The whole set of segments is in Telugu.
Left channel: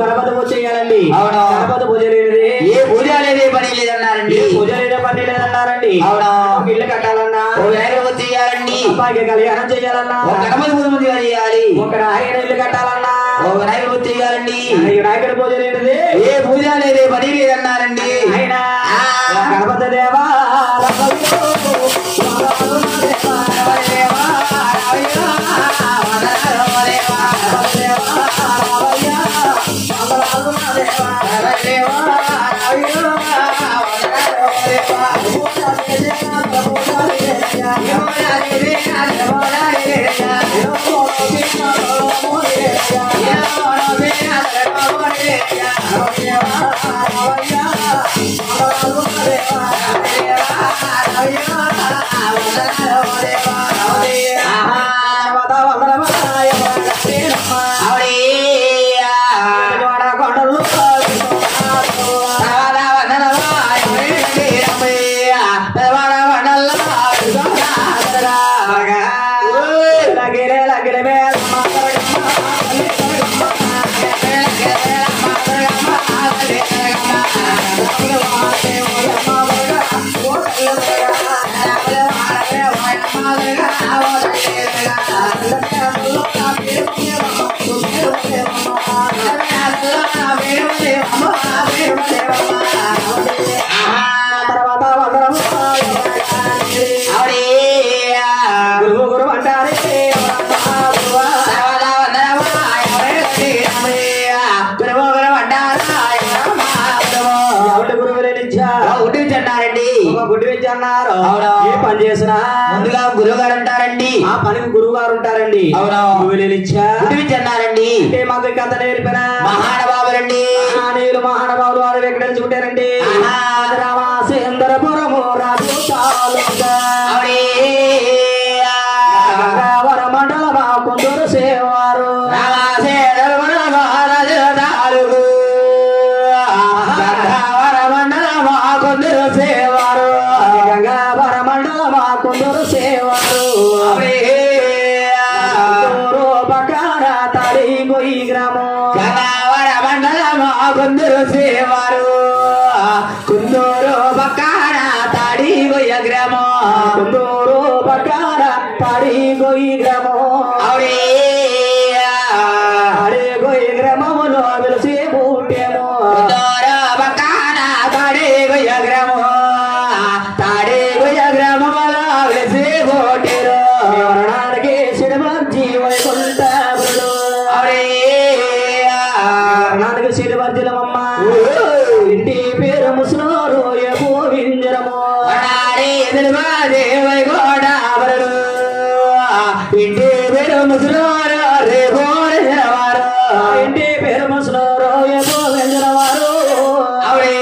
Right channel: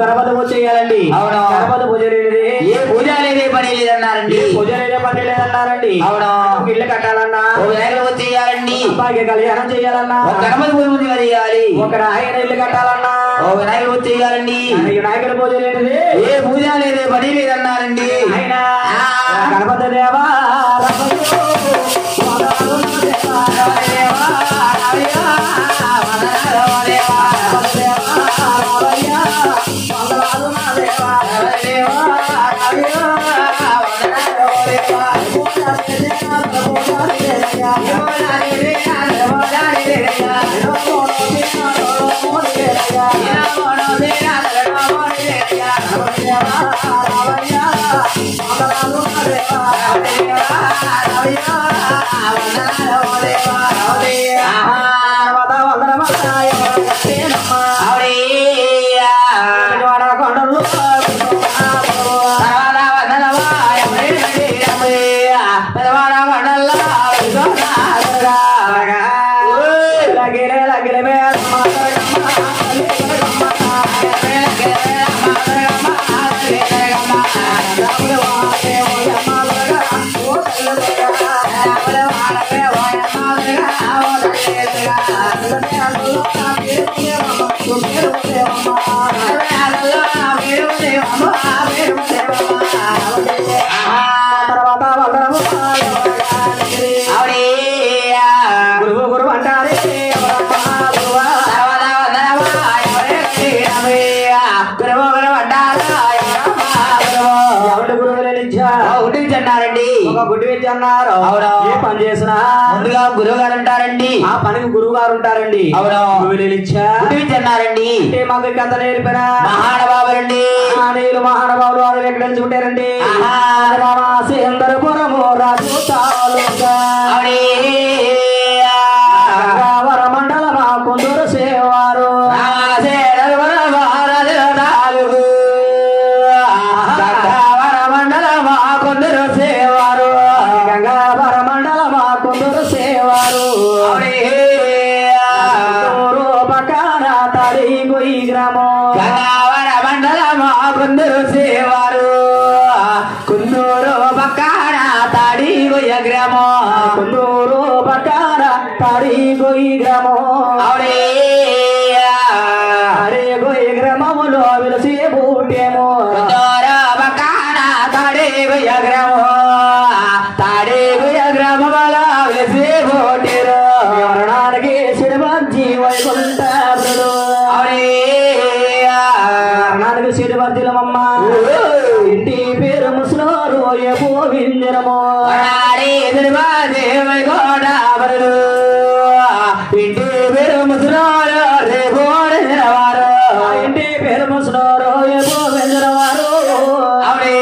గణపతి పూజ చేయాలండి. అవును, గణపతి పూజ లేనిది ఏ పూజ అనేది పని లేదన్నారండి. పూజ లేదే పని లేదన్నారండి. అవును, ఇల్లు కట్టాలన్నా వినాయకుడు పూజ చేయాలండి. అబ్బాయికి కళ్యాణం చేయాలన్నా గణపతి పూజ చేయాలి. ఒక ఆయన ఇల్లు కట్టాలన్నా వినాయకుడు పూజ చేయాలండి. వినాయకుడి పూజ లేనిది ఏ పూజ లేదే పని లేదన్నారండి. ఆయన గణపతి దేవా అన్నారు. ఏ పని చేసినా ముందుగా గురువు గారు ఉంటారండి. ఆ పనికి గురువు గారు ఉంటారండి. అవును, అన్నారండి. అంటే మాకు కథ నేర్పిన మహానుభావులండి. నీళ్ళు మహానుభావులు వాళ్ళు ఎక్కడ నిలుచుకుంటారండి. రామసేంద్రపురము రాజు వర మండలమా కొందరు సేవారు కొందరు సేవారు కుందూరు బకాడ తాడి గొయ్య గ్రామో కుందూరు బకాడ తాడి గొయ్యి గ్రామో అరే గొయ్య గ్రామములో వెలిసి బూటేమో బకాడ తాడి గొయ్య గ్రామో తాడి గొయ్య గ్రామములో వెలిసి బూటేరు మరణానికి శిరవంజీ వైకుంఠ ఇంటి పేరు ముసలోరు గోవిందరము గోడావరుడు ఇంటి పేరు ముసలోరు రేగోడవారు ఇంటి పేరు ముసలోరు గోవిందరవారు అవే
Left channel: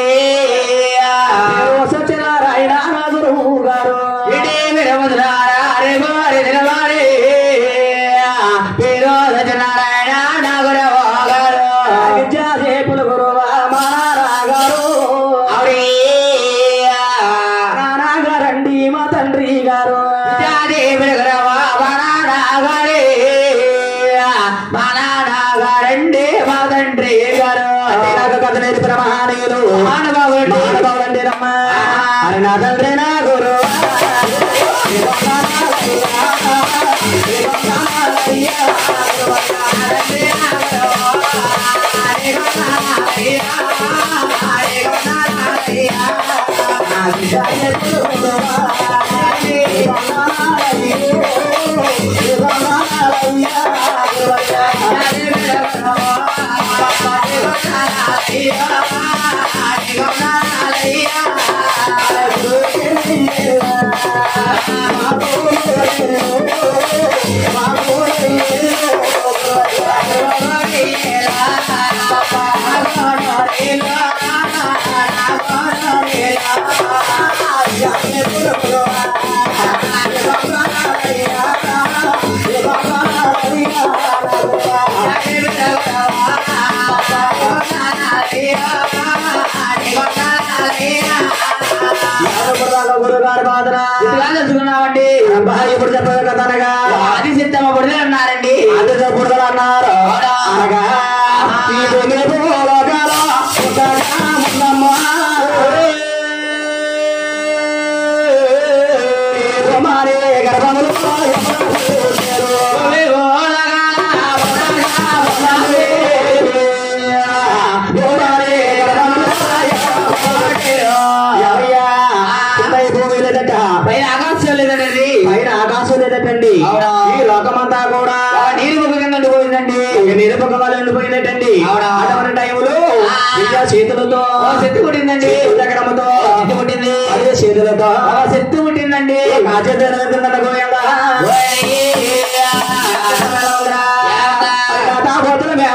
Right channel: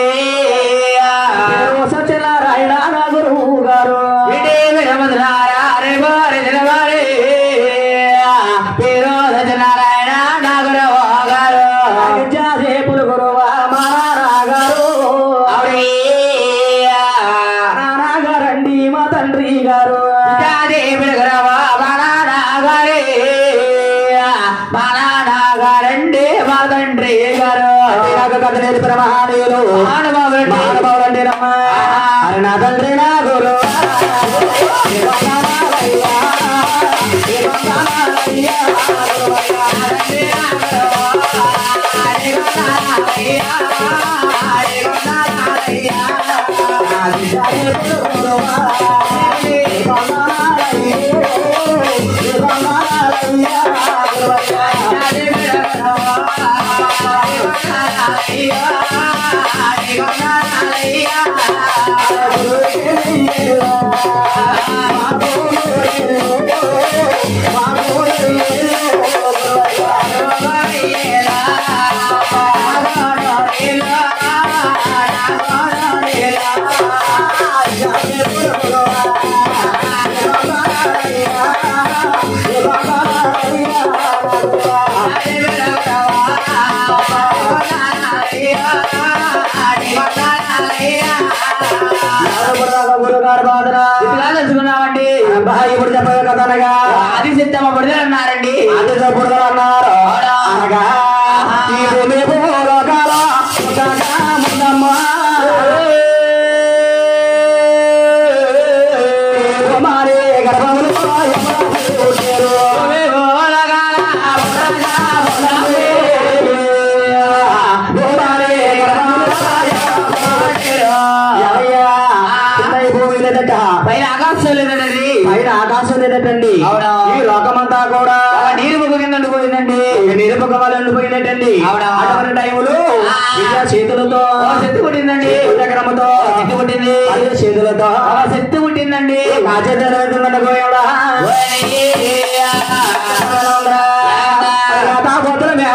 సత్యనారాయణ గురువు గారు ఇంటి పేరు ముసలారా రేగోడి నిలగారి పేరు సత్యనారాయణ నాగురవ గారు పులు గురువ నానాగారండి మా తండ్రి గారు నానాగారండి మా తండ్రి గారు నాకు కథ నేర్పిన మహానీయులు మహానుభావులండి రమ్మ నా తండ్రి నా గురు తెలుసుకున్నామండి. ఇప్పుడు చెప్పే కదా అనగా అది సిద్ధమ్మ బుడిదలు అన్నారండి. అది బుడిదలు అన్నారు అనగా గర్భములు పైన ఆకాశం లేదండి. పైన ఆకాశం లేదటండి. ఈ లోకమంతా కూడా నీరు ముఖ కింద ఉండిపోయిందండి. నీరు ముఖ వాళ్ళు ఉండిపోయినట్టండి. అటువంటి టైములు చేతులతో శక్తి పుట్టిందండి. చక్రముతో శక్తి పుట్టింది. అదే చేతులతో శక్తి పుట్టిందండి. ఆ చేతులు వెళ్తుందంట గోయడా పోతుల మీద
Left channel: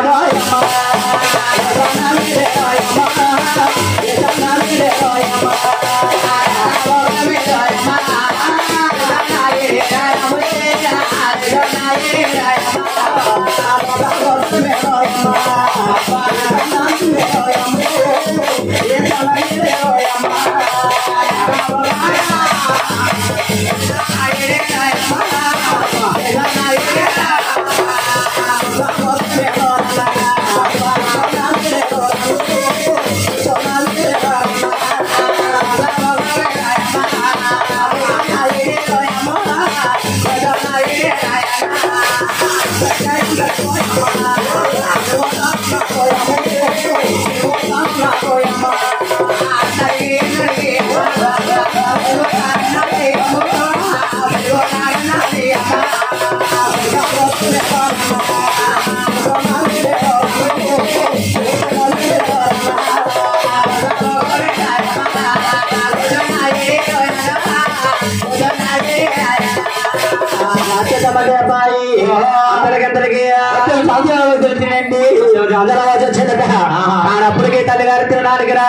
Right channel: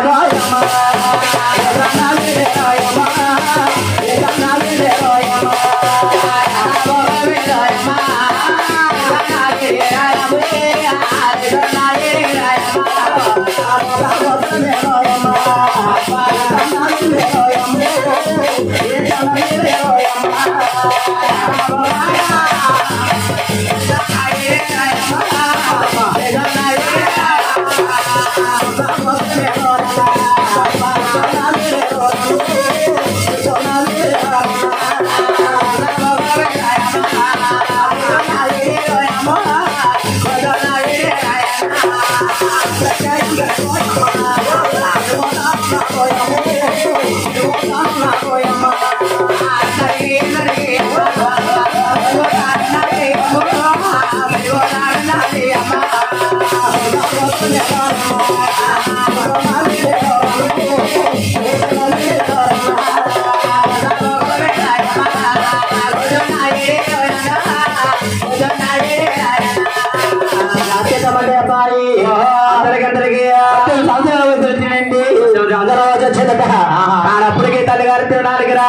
అప్పటికి తల్లిగారు తినడానికి రా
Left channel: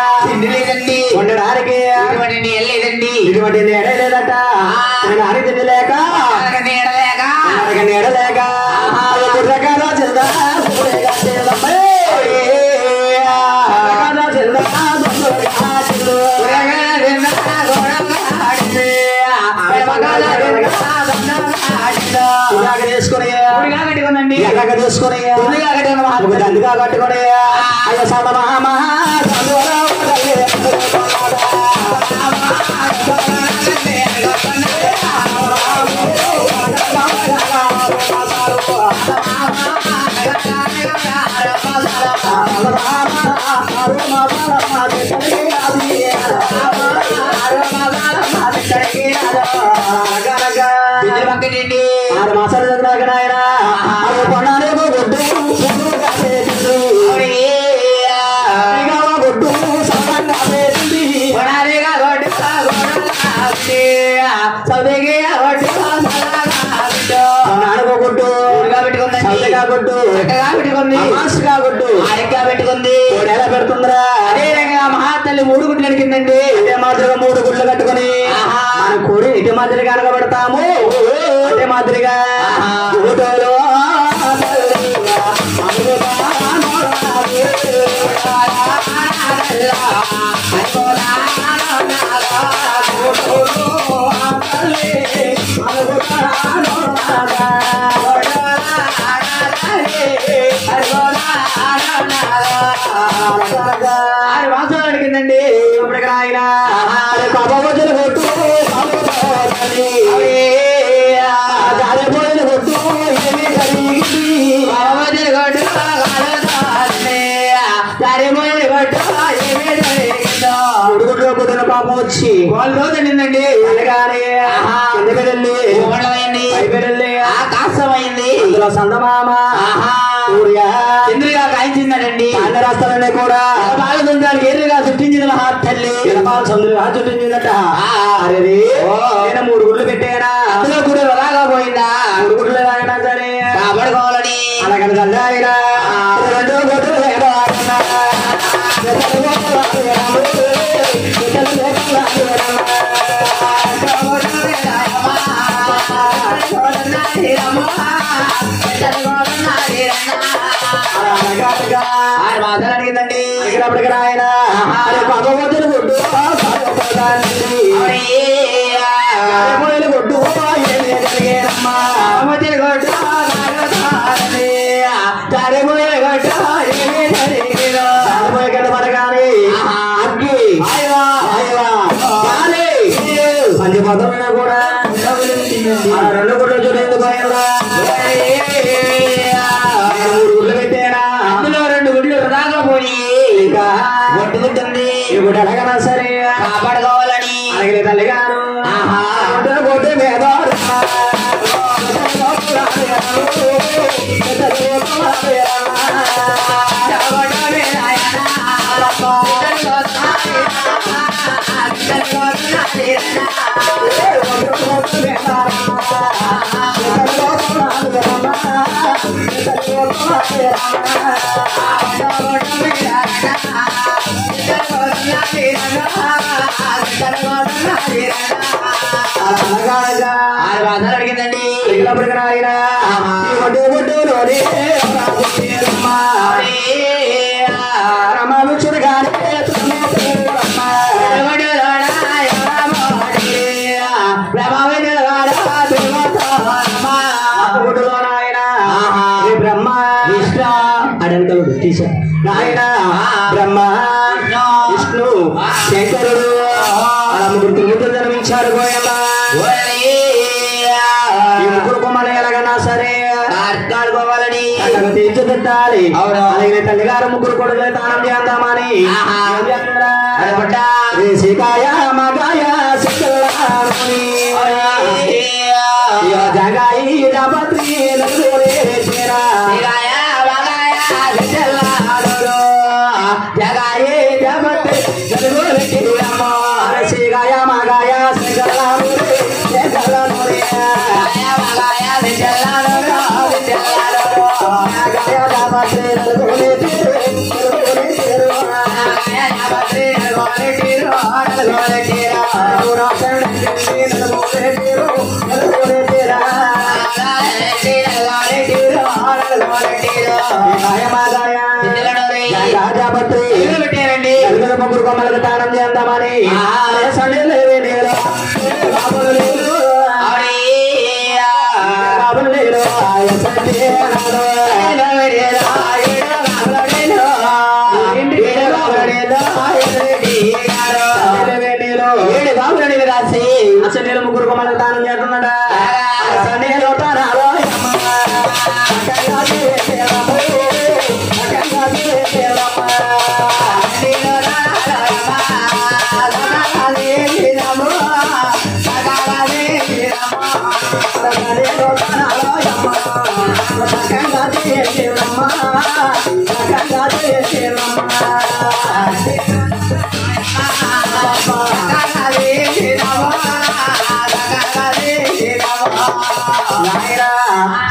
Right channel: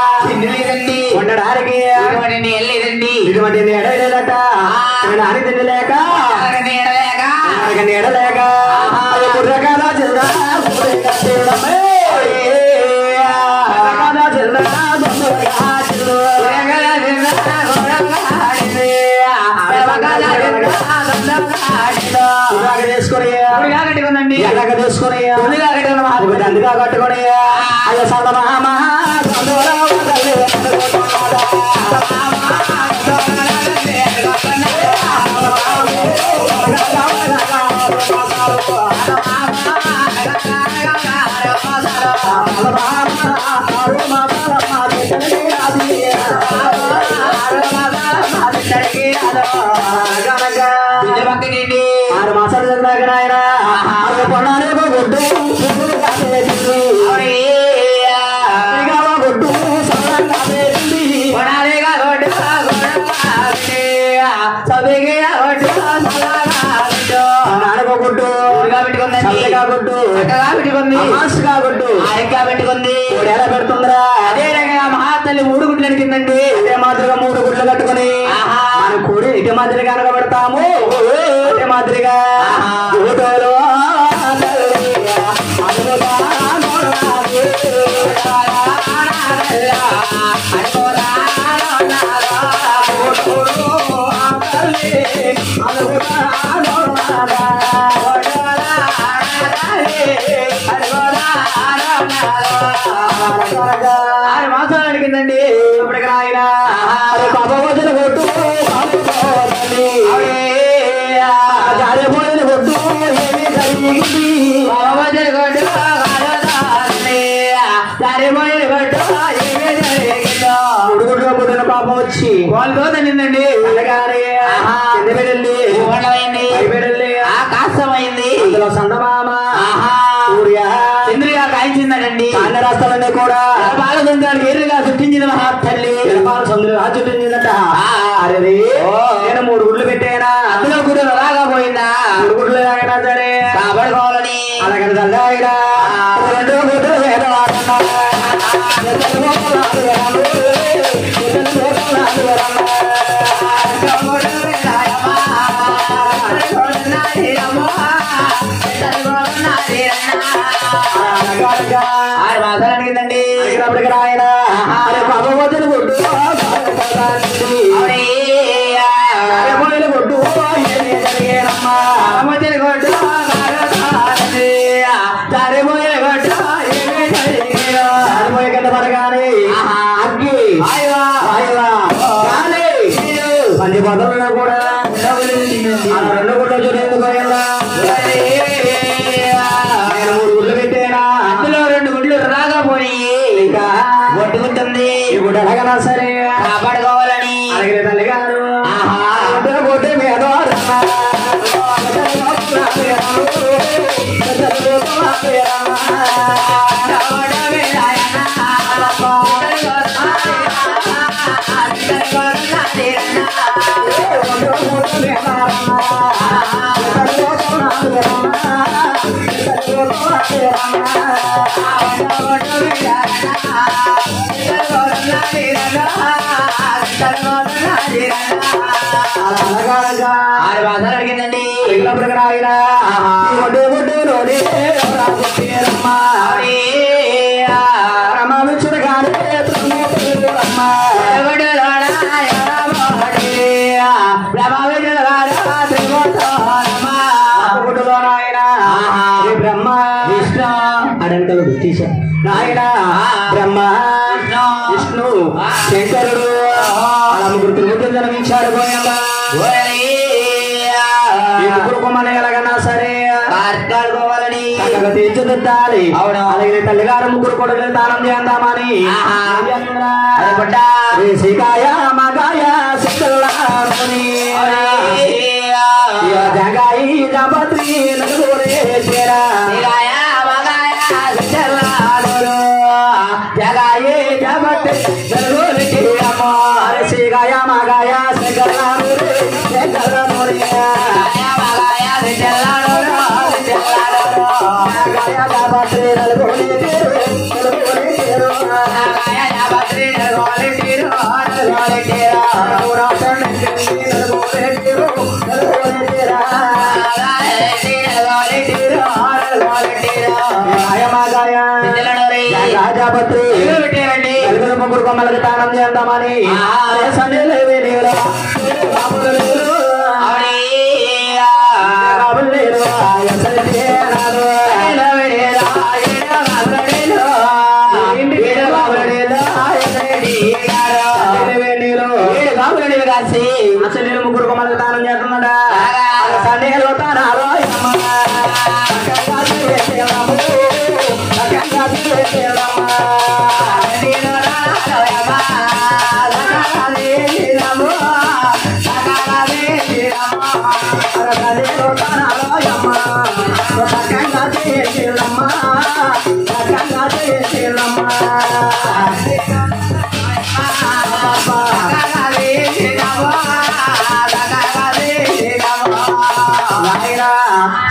ఉండడానికి ఇటువంటి నీడ లేదట. తినడానికి తిండి లేక నీడ లేక రకాల చిన్న తీసుకుని దండిగా కట్టుకుని అయ్యో సడ మహా ఆరు మాసాలు చదివాక ఆయన పొన్నాలే గొడ్డు గొడ్డు సల్లంగా నాడుకోగొడ్డు పెట్టుకుంది మాస్గా కొట్టు ఆరెగ్గా పెట్టుకుంది ఎలా పెడుతుందిరా. అదే రకంగా మహాతల్లి 3 గుడ్లు అడిగిందండి. అదే మాదిరిగా 3 గుడ్లు కట్టుకుని మన కోడి ఇటు మాదిరిగా అనగబెడతాము. అదే మాదిరిగా ఆరు మాసాలు అడిగిందండి. ఇప్పటికి ఆయన పాప వదిలి కొట్టు కాలిపోయిన కొట్టు ఏమి జరిగింది బాబోజుల కొట్టు కాలిపోయిన కొట్టు ఏమి జరిగిందో గుడుగుడ్లో పుట్టిన పాపం వచ్చి వాళ్ళతో తిండిందండి అనగానే కింద పెళ్ళి పైపెళ్ళి కాస్తమైంది అందులో సందమామ సూర్య చంద్రుగా కాయించిందటండి అన్న రాష్ట్రాలన్నీ కూడా బాలదండానికి ఎర్రగా చుట్టించిన మహా తల్లి చంద్రుగా చుట్టించిందట అరే నేను 3 గుడ్లు పెట్టానా అందులో గుడ్లు అలాగా పోయిందా 3 గుడ్లు ఎలాగైనా సరే కాపాడుకోవాలని అలాగని చల్లాయినా 2 గుడ్లు వేదవాడన్నా అడిగిందండి అప్పటికి రాయన బాబోజులు కొట్టు కొట్టు జరిగేనమ్మా బాబోజులు కొట్టు తరిమోయలు కొట్టు తరిమోయ కింద పడగానే అగ్గి పంది పదవున్నా కూడా 2 గుడ్లు చూడేందుకు పోయేలా 3 గుడ్లు పెట్టేనా అందులో 2 గుడ్లు రాకపోయి ఇంకా కొట్టుకుంటుంది ఇప్పుడు ఎలాగనా సరే కాపాడుకోవాలని అడిగిన తల్లి గారు కొట్టు మీద అడిగిందండి రమాలు చురగానే బ్రహ్మ విష్ణు అడంకలుడు తీశారు నాయన బ్రహ్మ విష్ణు శంకరుడు అలా 3 త్రిమూర్తులు జన్మించారు ముగ్గురు కొమ్మని ఎలాగన్నా సరే కాపాడుకోవాలని తీర్చిదిద్దాలి అలాగే తల్లిగారు 3 కొడుకులు దానం చేద్దామని శ్రీకాయ మగాయ జగాయి జపత్రి జగాయి జపత్రి శ్రీగాయ మగాయ ముగ్గురు కొమ్మలకు దానం చేద్దామని సండే లేవే నేను బాబులు లేరు బాబులు లేరు రాసి అసలు నేను 3 కొమ్మలకు దానం చేస్తున్నాడా సండేలో తానాలో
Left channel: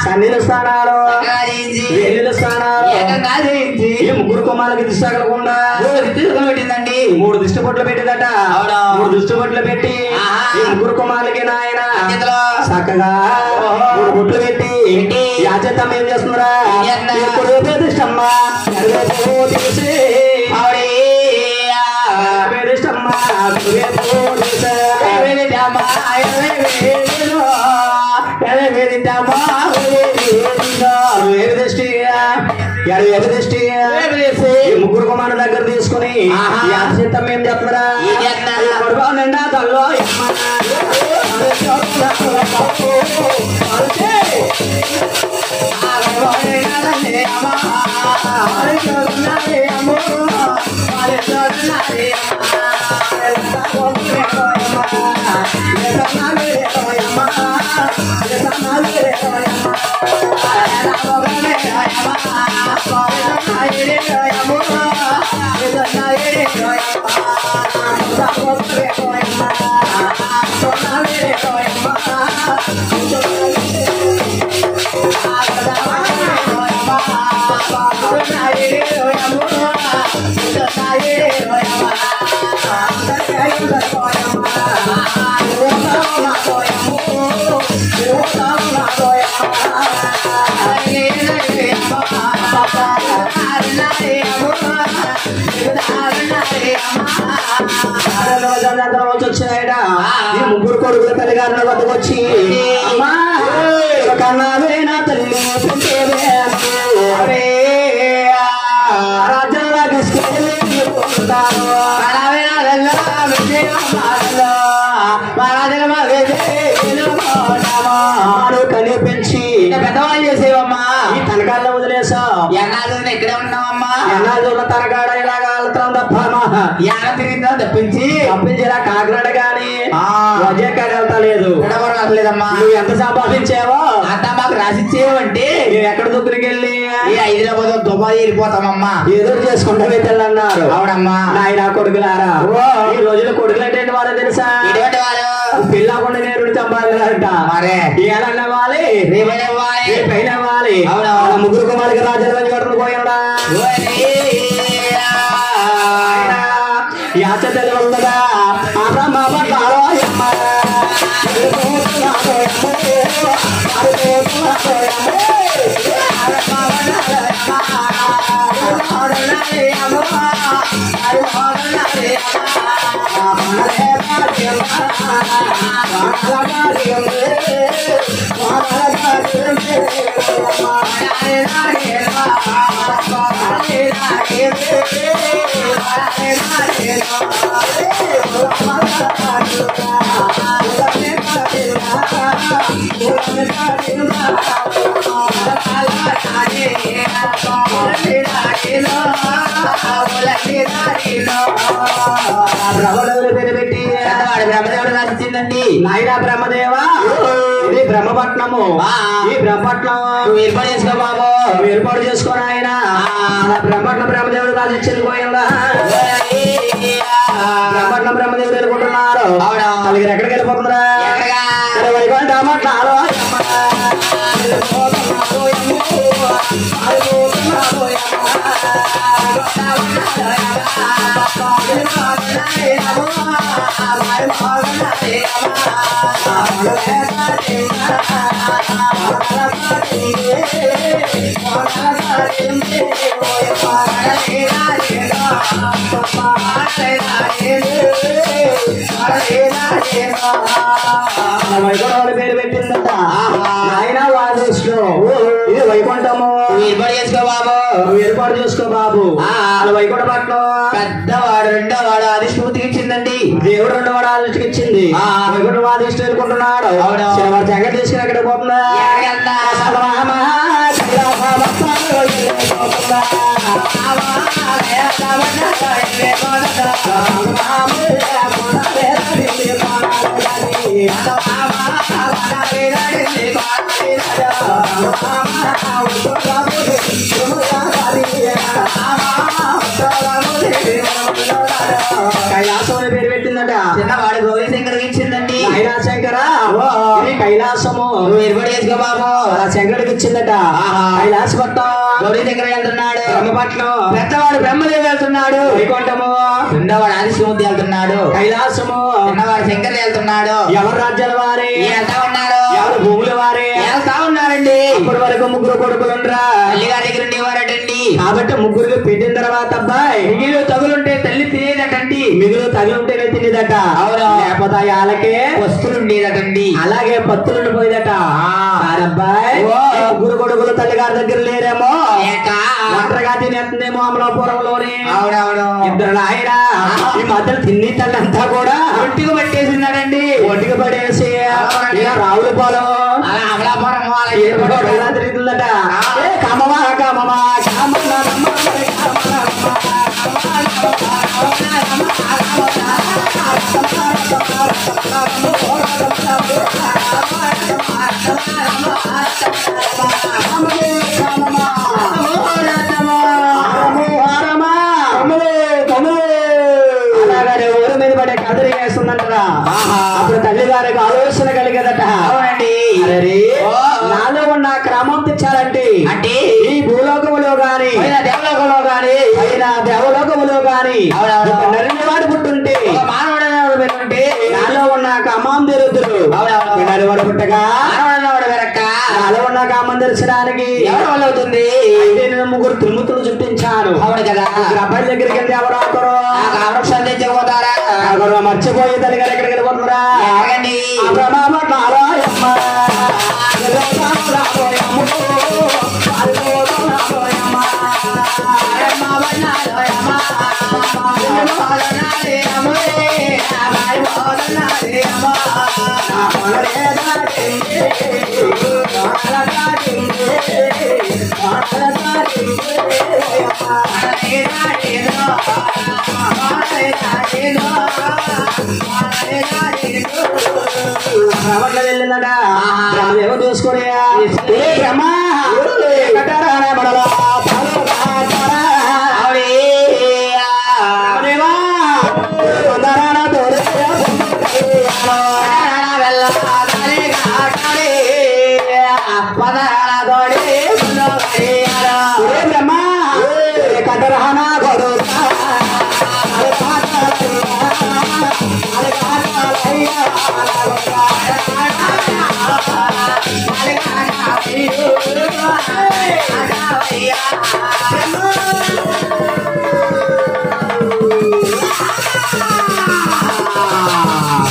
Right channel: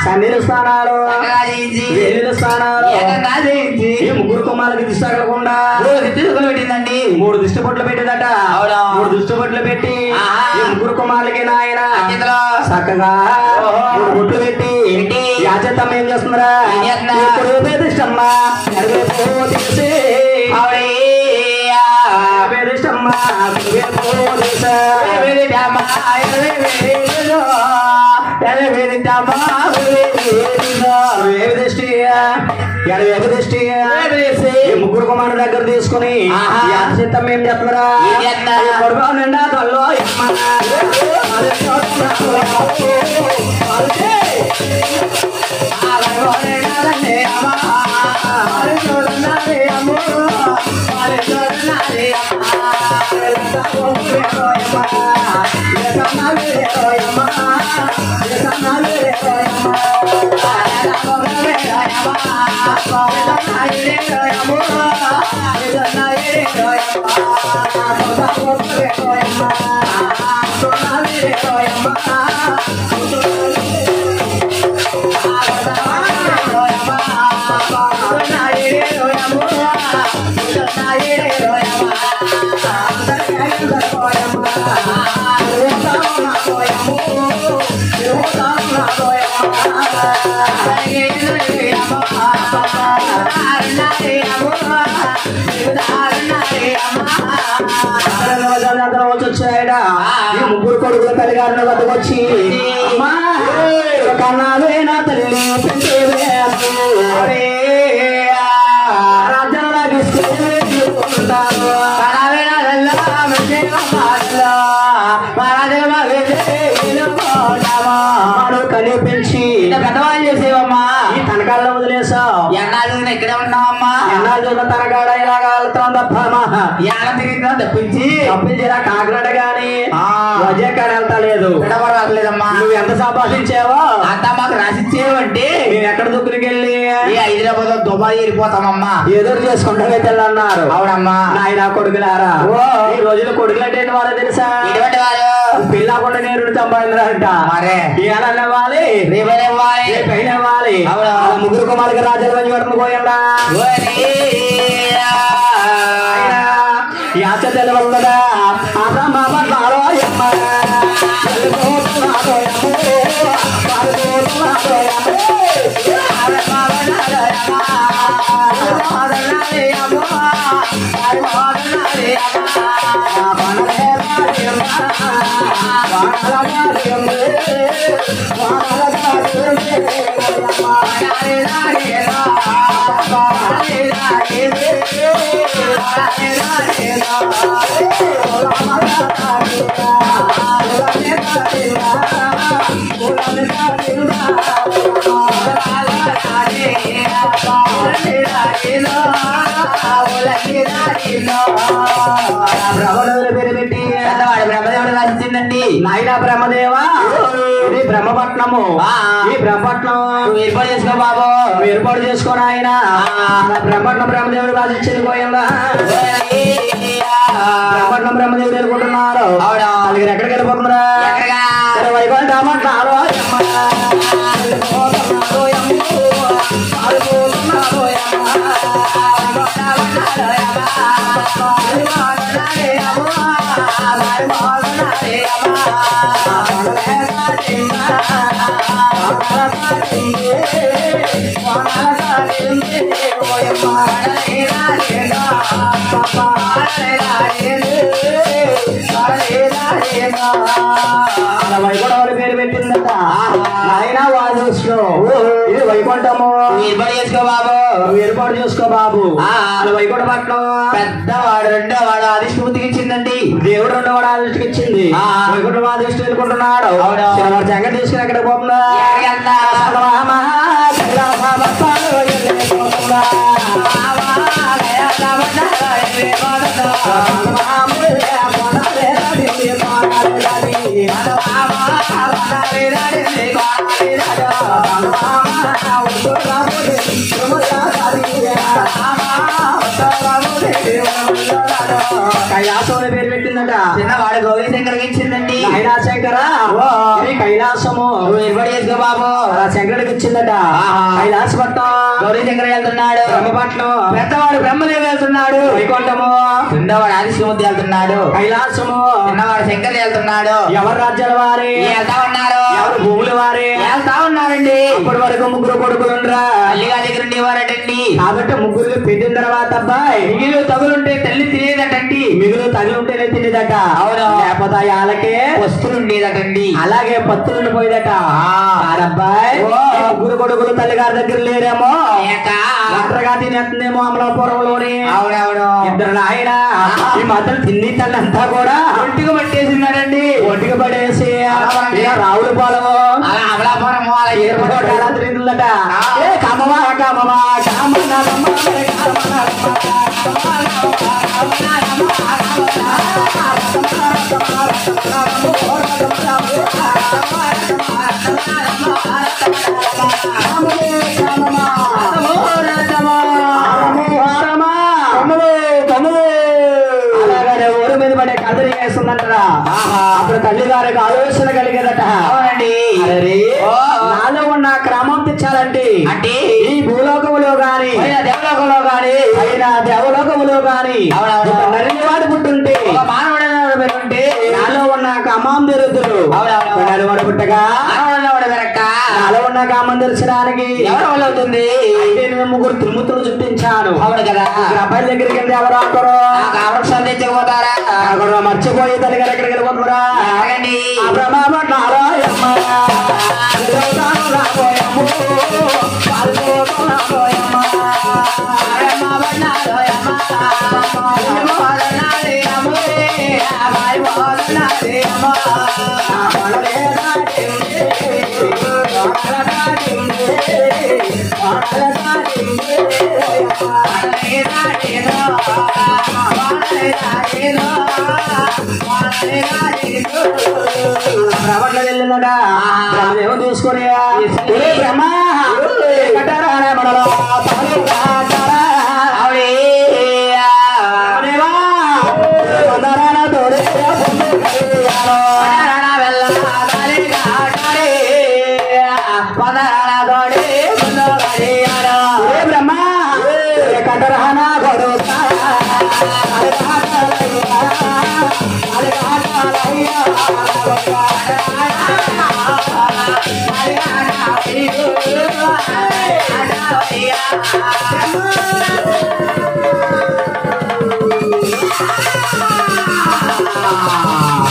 సన్నిధి స్థానాలు వేలు స్థానాలు ఈ 3 కొమ్మాలకి దిష్టి తగలకుండా తీసుకుని పెట్టిందండి 3 దిష్టి పొట్లు పెట్టిందట 3 దిష్టి పొట్లు పెట్టి ఈ 3 కొమ్మాలకి నాయన చక్కగా 3 బొట్లు పెట్టి యాచత్తం ఏం చేస్తున్నారా ఇప్పుడు దిష్టమ్మా తీసి ముగ్గురు కుమారు దగ్గర తీసుకుని యాచిత్తం ఏం చెప్తున్నారా పడుకోనండా తల్లో ముగ్గురు కొడుకులు తల్లిగారిని వద్దకొచ్చి కన్నావేనా తల్లి రాజ్యంలో తీసుకుంటారు కనిపించి పెద్దవాళ్ళు చేసేవమ్మా ఈ తనకాల్లో వదిలేసావు ఎన్నాళ్ళు ఇక్కడే ఉన్నావమ్మా ఎన్నాళ్ళు చూసిన తనకాడ ఇలాగా వెళ్తాం తప్పమ్మా ఎడ తిరిగిందా తప్పించి ఇలా కాకినాడ గాని వజేకాని వెళ్తా లేదు లేదమ్మా నువ్వు ఎంత సంపాదించావో అంతా మాకు రాసిచ్చేవంటే మేము ఎక్కడ దుక్కులకి వెళ్ళి హైదరాబాద్ దుబాయ్ వెళ్ళిపోతామమ్మా ఎదురు చేసుకుంటా వెళ్ళన్నారు అవునమ్మా నాయన కొడుకులారా ఈ రోజున కొడుకులు అంటే వారో తెలుసా ఎటువంటి వారు పిల్లకుండా నేరుడు సంపాదించారంట మరే ఏనవ్వాలి రేపైనవ్వాలి రేపైనవ్వాలి ముగ్గురు కుమారుకి రాజ్యాలు వచ్చి పడుతున్న పోయాడా యాచ తెలవదా పెట్టి బ్రహ్మదేవుడు రాసిందండి నాయన బ్రహ్మదేవా ఇది బ్రహ్మపట్నము ఈ బ్రహ్మపట్నం ఏర్పాటు చేసుకో బాబు ఏర్పాటు చేసుకుని ఆయన బ్రహ్మపట్నం బ్రహ్మదేవుడు రాసిచ్చింది పోయిందా బ్రహ్మపట్నం బ్రహ్మదేవుడు వెళ్ళుకుంటున్నారు అలాగే ఎక్కడికి వెళ్ళిపోతున్నారా వైకుంఠమట్నాలో వైకుంఠం పేరు పెట్టిందట ఆయన వాదిస్తూ ఇది వైకుంఠము ఏర్పాటు చేసుకో బాబు ఏర్పాటు చేసుకో బాబు అలా వైకుంఠ పట్నం పెద్దవాడు రెండో వాడు అధిష్ఠితికి ఇచ్చిందండి దేవుడు రెండో వాడు అధిష్ఠికి ఇచ్చింది వైకుంఠ అధిష్ఠి వెళ్ళుకుంటున్నాడు వాడు జగన్ తీసుకుని ఎక్కడ పోతుందా కైలాసం పేరు పెట్టిందట చిన్నవాడు గౌరీ శంకర్ ఇచ్చిందండి శంకర కైలాసము ఏర్పాటు చేసుకో బాబు శంకరుడికి ఇచ్చిందట కైలాస పట్నం గౌరీ శంకర్ వెళ్తున్నాడు బ్రహ్మపట్నం పెద్దవాడు బ్రహ్మదేవి వెళ్తున్నాడు వైకుంఠము రెండోవాడు ఆదిశివమూర్తి వెళ్తున్నాడు కైలాసము చిన్నవాడు శంకర్ వెళ్తున్నాడు ఎవరు రాజ్యాల వారి వెళ్తా ఉన్నారు ఎవరు భూముల వారి వెళ్తా ఉన్నారండి ఇప్పటి వరకు ముగ్గురు కొడుకులు ఉండరా తల్లిగా దగ్గర ఉండేవారటండి కాబట్టి ముగ్గురికి పెట్టిన తర్వాత అబ్బాయి మిగిలి తగులుంటే తల్లి తినేదటండి మిగులు తగులుంటేనే తినేదట అవును లేకపోతే వాళ్ళకే వస్తువులు ఉండేదటండి అలాగే పత్తులు ఉండిపోయేదట అబ్బాయి ముగ్గురు కొడుకులు తల్లిగారి దగ్గర లేరేమో ఒంటరిగా తినేస్తుందేమో అమలాపురంలోని అవునవును ఇద్దరు ఆయన ఈ మధ్యలో తిండి తల్లంతా కూడా ఒంటికి పట్టేసినారండి ఒంటికి పడేసి రావులపాలెం అలా అమలాపురం ఎలా తిరుగుతుందట కామమా కామమా అలాగే ఊరు మీద పడే కదలి వేస్తుందంటారా అప్పుడు తల్లి గారికి ఆలోచన కలిగేదట అవునండి నాలో ఉన్న క్రమం తెచ్చాలంటే అంటే ఈ భూలోకములో గాని దేవలోకంలో గాని అయినా దేవలోకములో గాని నరిని వాడు పుట్టుంటే మానవుడు పెట్టుంటే నాలో ఉన్న కామం తిరుగుతురు వాడు పుట్టగా నాలో ఉన్న కామం తెరచడానికి ఎవరి వల్ల అవుతుంది నేను ముగ్గురు త్రిమూర్తులు చుట్టించాను అవును కదా అబ్బాయి దగ్గరికి వెళ్తే ఎవరు ఆకరు వృక్షాలు తెచ్చుకుపోతారా అక్కడ మర్చిపోయి తల్లి గారు ఎక్కడికి వెళ్ళిపోతున్నారా బ్రహ్మట్ల వెళ్ళిందట బ్రహ్మదేవ చూసుకుని బ్రహ్మ కట్టారా మనలో బ్రహ్మ కట్టరహనా గోడు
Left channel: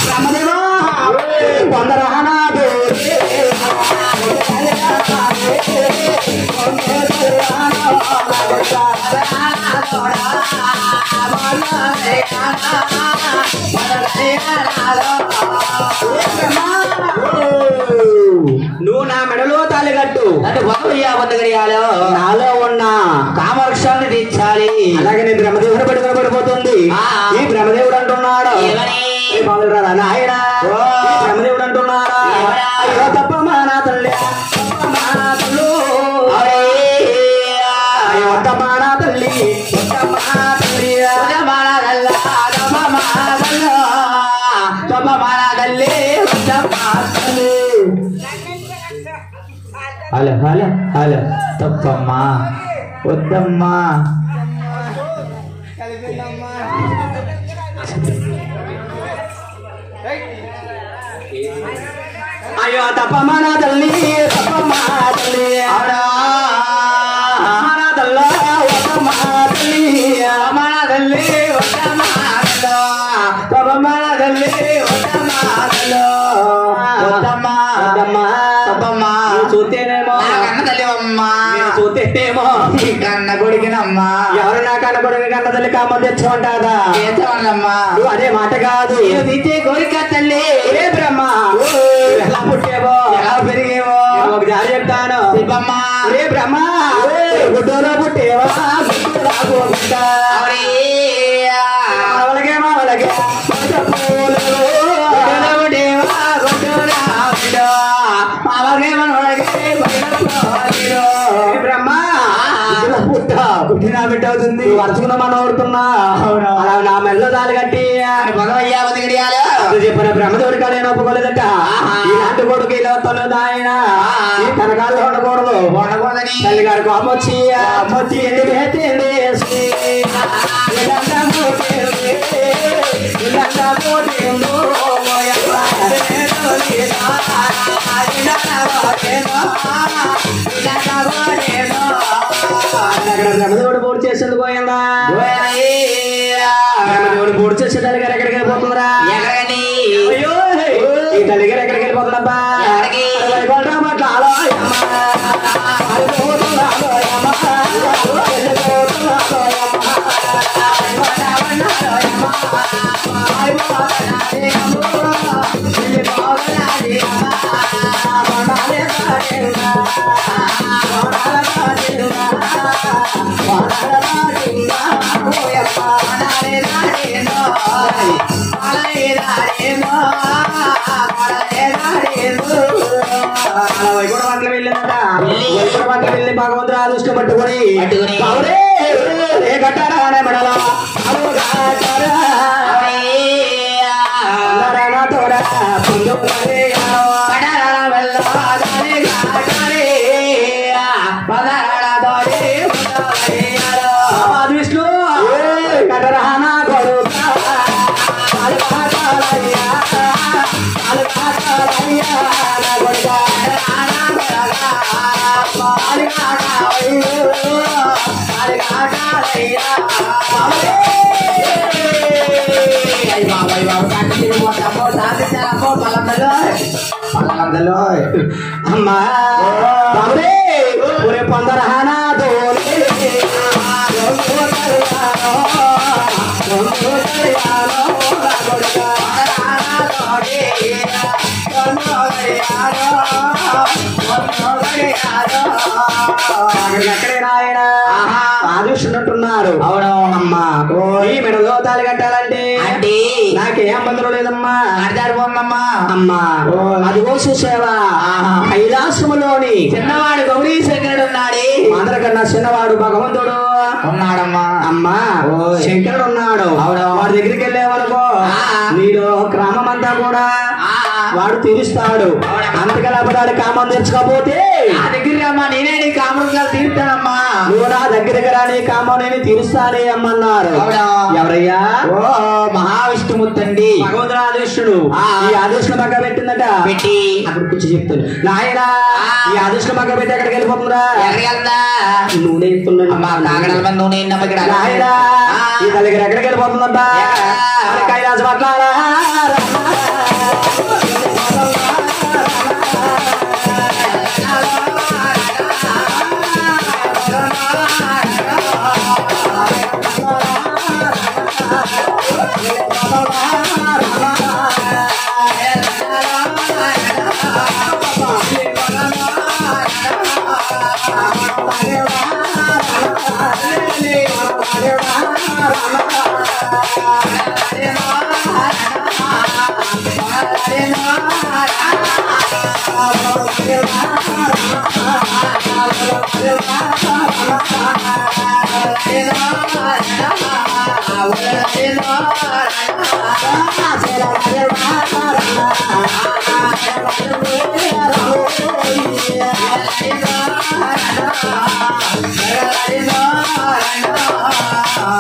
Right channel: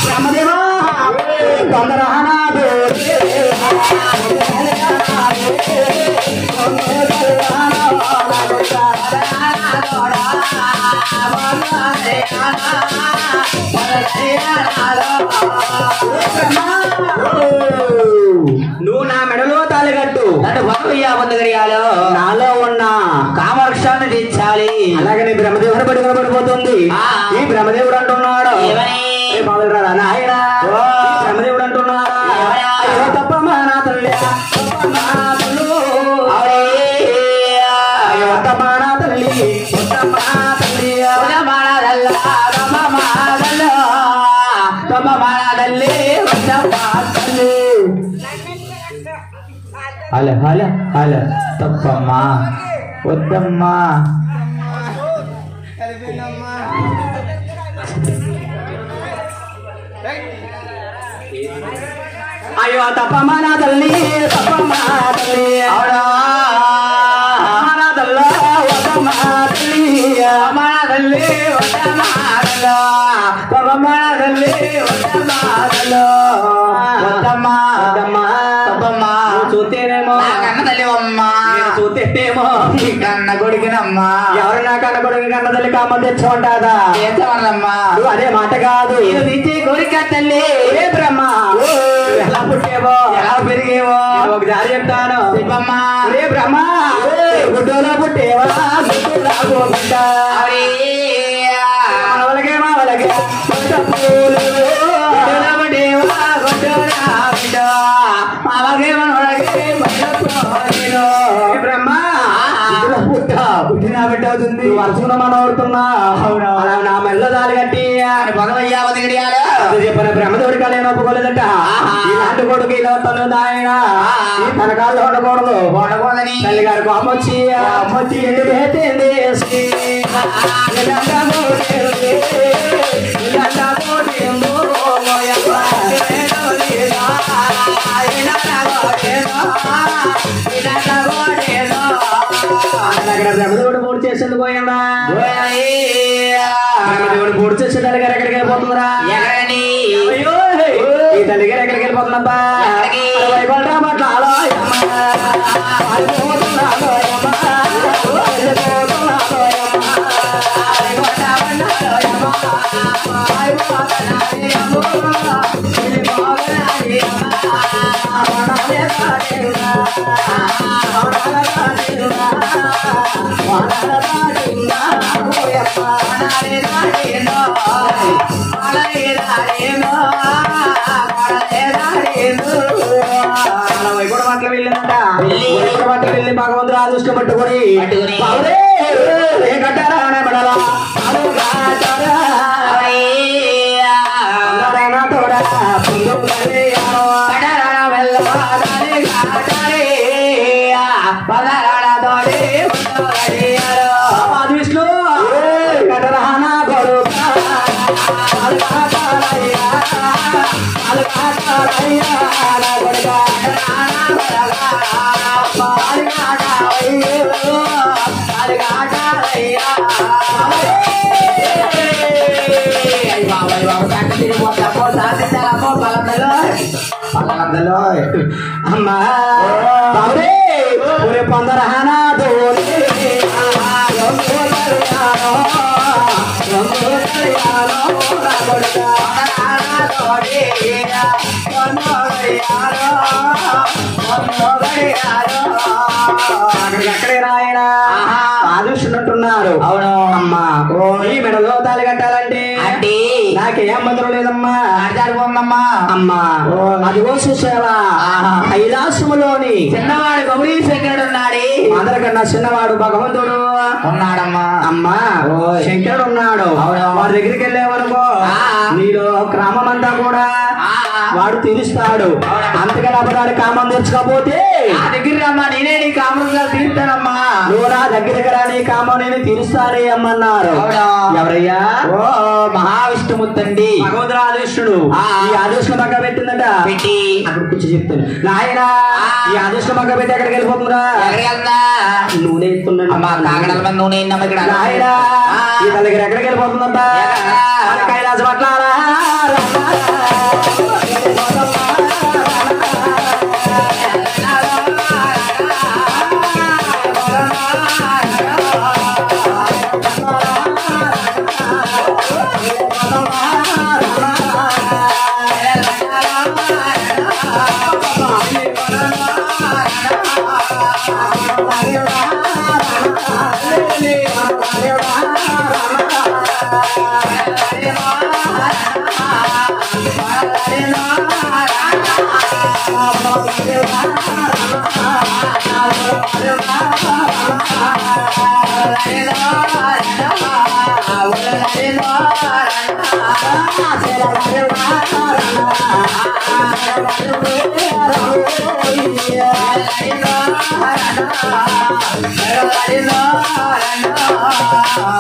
బ్రహ్మదేవా తొందరహనా నువ్వు నా మెడలో తాలిగట్టు నన్ను పొందగలియాలో నాలో ఉన్న కామవృక్షాన్ని తీర్చాలి అలాగే నీ బ్రహ్మదేవుడు పడుకుని పడిపోతుంది ఈ బ్రహ్మదేవుడు అంటున్నాడు నాయన బ్రహ్మదేవుడు అంటున్నాడు అయ్యో తప్పమ్మా నా తల్లి అయ్యో తప్పా నా తల్లి హలో హలో హలో తప్పమ్మా వద్దమ్మా అయ్యో తప్పమ్మా నా తల్లి తప్పమ్మా తల్లి అవునా నా తల్ల వద్దమ్మా తల్లి అమ్మా నా తల్లి వద్దమ్మా తల్ల తప్పమ్మా నా తల్లి వద్దమ్మా తల్ల వద్దమ్మా వద్దమ్మా తప్పమ్మా చూస్తేనేమో కన్న తల్లి అమ్మా చూస్తేనేమో కన్న కొడుకునమ్మా ఎవరు నా కన్న కొడుకు కన్న తల్లి కామం తెచ్చుకుంటాదా తెచ్చుకోండమ్మా అదే మాట కాదు తీసే కోరిక తల్లి ఏ బ్రహ్మ ఎలా పుట్టేవో ఎలా పెరిగేవో ఒకసారి చెప్తాను చెప్పమ్మా రే బ్రహ్మ గుడ్డలో పుట్టేవా గుడ్డులా బిడ్డ మావలకే మావలకే పూలు గుడ్డలో పుట్టేవా గుడ్డులా బిడ్డ మావకే మనవలకే బ్రహ్మ పుట్టినా బిడ్డ అవుతుంది వరుసకున్న మనం అవుతున్నా నా మెల్ల దాలి కట్టి చెప్పిన బ్రహ్మదేవుడి కాదు నేను ఒప్పుకోలేదట ఇలాంటి కొడుకు ఇలా వస్తాను ఆయన ఈ కనకాల్లో ఉండకూడదు ఉండకూడదని తల్లి గారు అమ్మొచ్చి అమ్మొచ్చి ఎందుకు అక్కడ బ్రహ్మదేవుడు పూర్తి చేసేందుకు పోయిందా బ్రహ్మదేవుడు పూర్తి చేసే తల్లి గారు ఎక్కడికి వెళ్ళిపోతుందిరా ఈ తల్లి గారు ఎక్కడికి వెళ్ళిపోతుందబ్బా వెళ్ళి భగవంతుడు ఆదృష్టం పట్టుకొని కట్టారా మెడలా విష్ణు కటరహానా కొడుక అమ్మా పొందరహానా ఎక్కడే నాయన ఆదుస్తున్నట్టున్నారు. అవును అమ్మా ఈ మెడలో తాళి కట్టాలంటే అంటే నాకేం బంధువు లేదమ్మా అర్థాడిపోమ్మా అమ్మా అదిగో చూసావా కైలాసములోని చిన్నవాడు గౌరీ శంకరుడు ఉన్నాడు. అందరికన్నా చిన్నవాడు భగవంతుడు ఉన్నాడమ్మా. అమ్మా శంకరుడు ఉన్నాడు. వాడి దగ్గరికి వెళ్ళావనుకో నీలో గ్రామం అంతా కూడా వాడు తీరుస్తాడు. అంతకన్నా అబద్ధాలు కామం తెచ్చుకోపోతే నా దగ్గర అమ్మా నేనే నీ కామంగా తీరుతానమ్మా. నువ్వు నా దగ్గరికి రా నీ కామం నేను తీరుస్తానే అమ్మన్నారు. ఎవరయ్యా? ఓ మహావిష్ణుమూర్తి భగవంతుడు ఆదిష్టుడు. ఈ ఆదిష్టు మగ్గ పెట్టిందట. పెట్టి అప్పుడు కూర్చో చెప్తాను నాయనా ఈ ఆదిష్టు మగ్గ పెట్టి ఎక్కడికి వెళ్ళిపోతుందా? ఎక్కడికి వెళ్తా? నూనె ఇస్తున్నాడు. నూనె నాయనా ఈ దగ్గర ఎక్కడికి వెళ్ళిపోతుందంట? కైలాస పట్లారా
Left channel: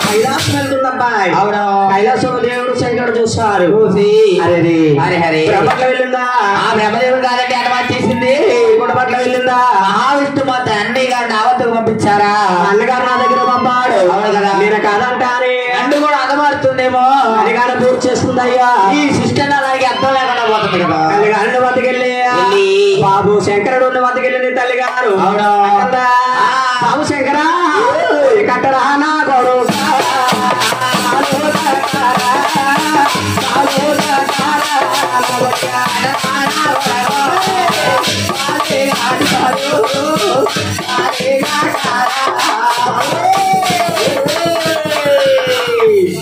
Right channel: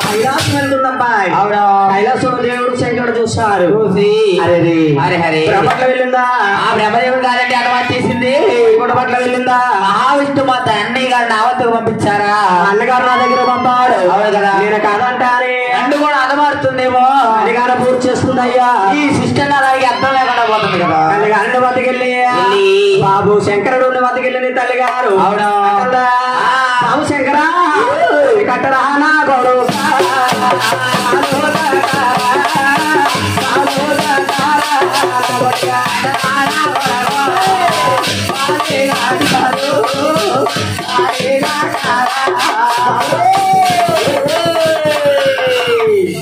కైలాసం వెళ్తుందబ్బాయి. అవును కైలాసం దేవుడు శంకరుడు చూస్తారు. బ్రహ్మట్ల వెళ్ళిందా? ఆ బ్రహ్మదేవుడు కాదండి అనుమతి చేసింది. గుణపట్ల వెళ్ళిందా? మహావిష్ణు మా తండ్రి గారిని ఆవత్తకు పంపించారా? అన్నగారు నా దగ్గర పంపాడు. అవును కదా నేను కాదంటానే అండు కూడా అనుమారుతుందేమో అన్నగారు పూర్తి చేస్తుంది. అయ్యా ఈ సిస్టమ్ దానికి అర్థం లేకుండా పోతుంది కదా. తల్లిగారు వద్దకెళ్ళి బాబు శంకరుడు వద్దకెళ్ళింది తల్లిగారు. అవును బాబు శంకరా కట్టరా నా గొడవ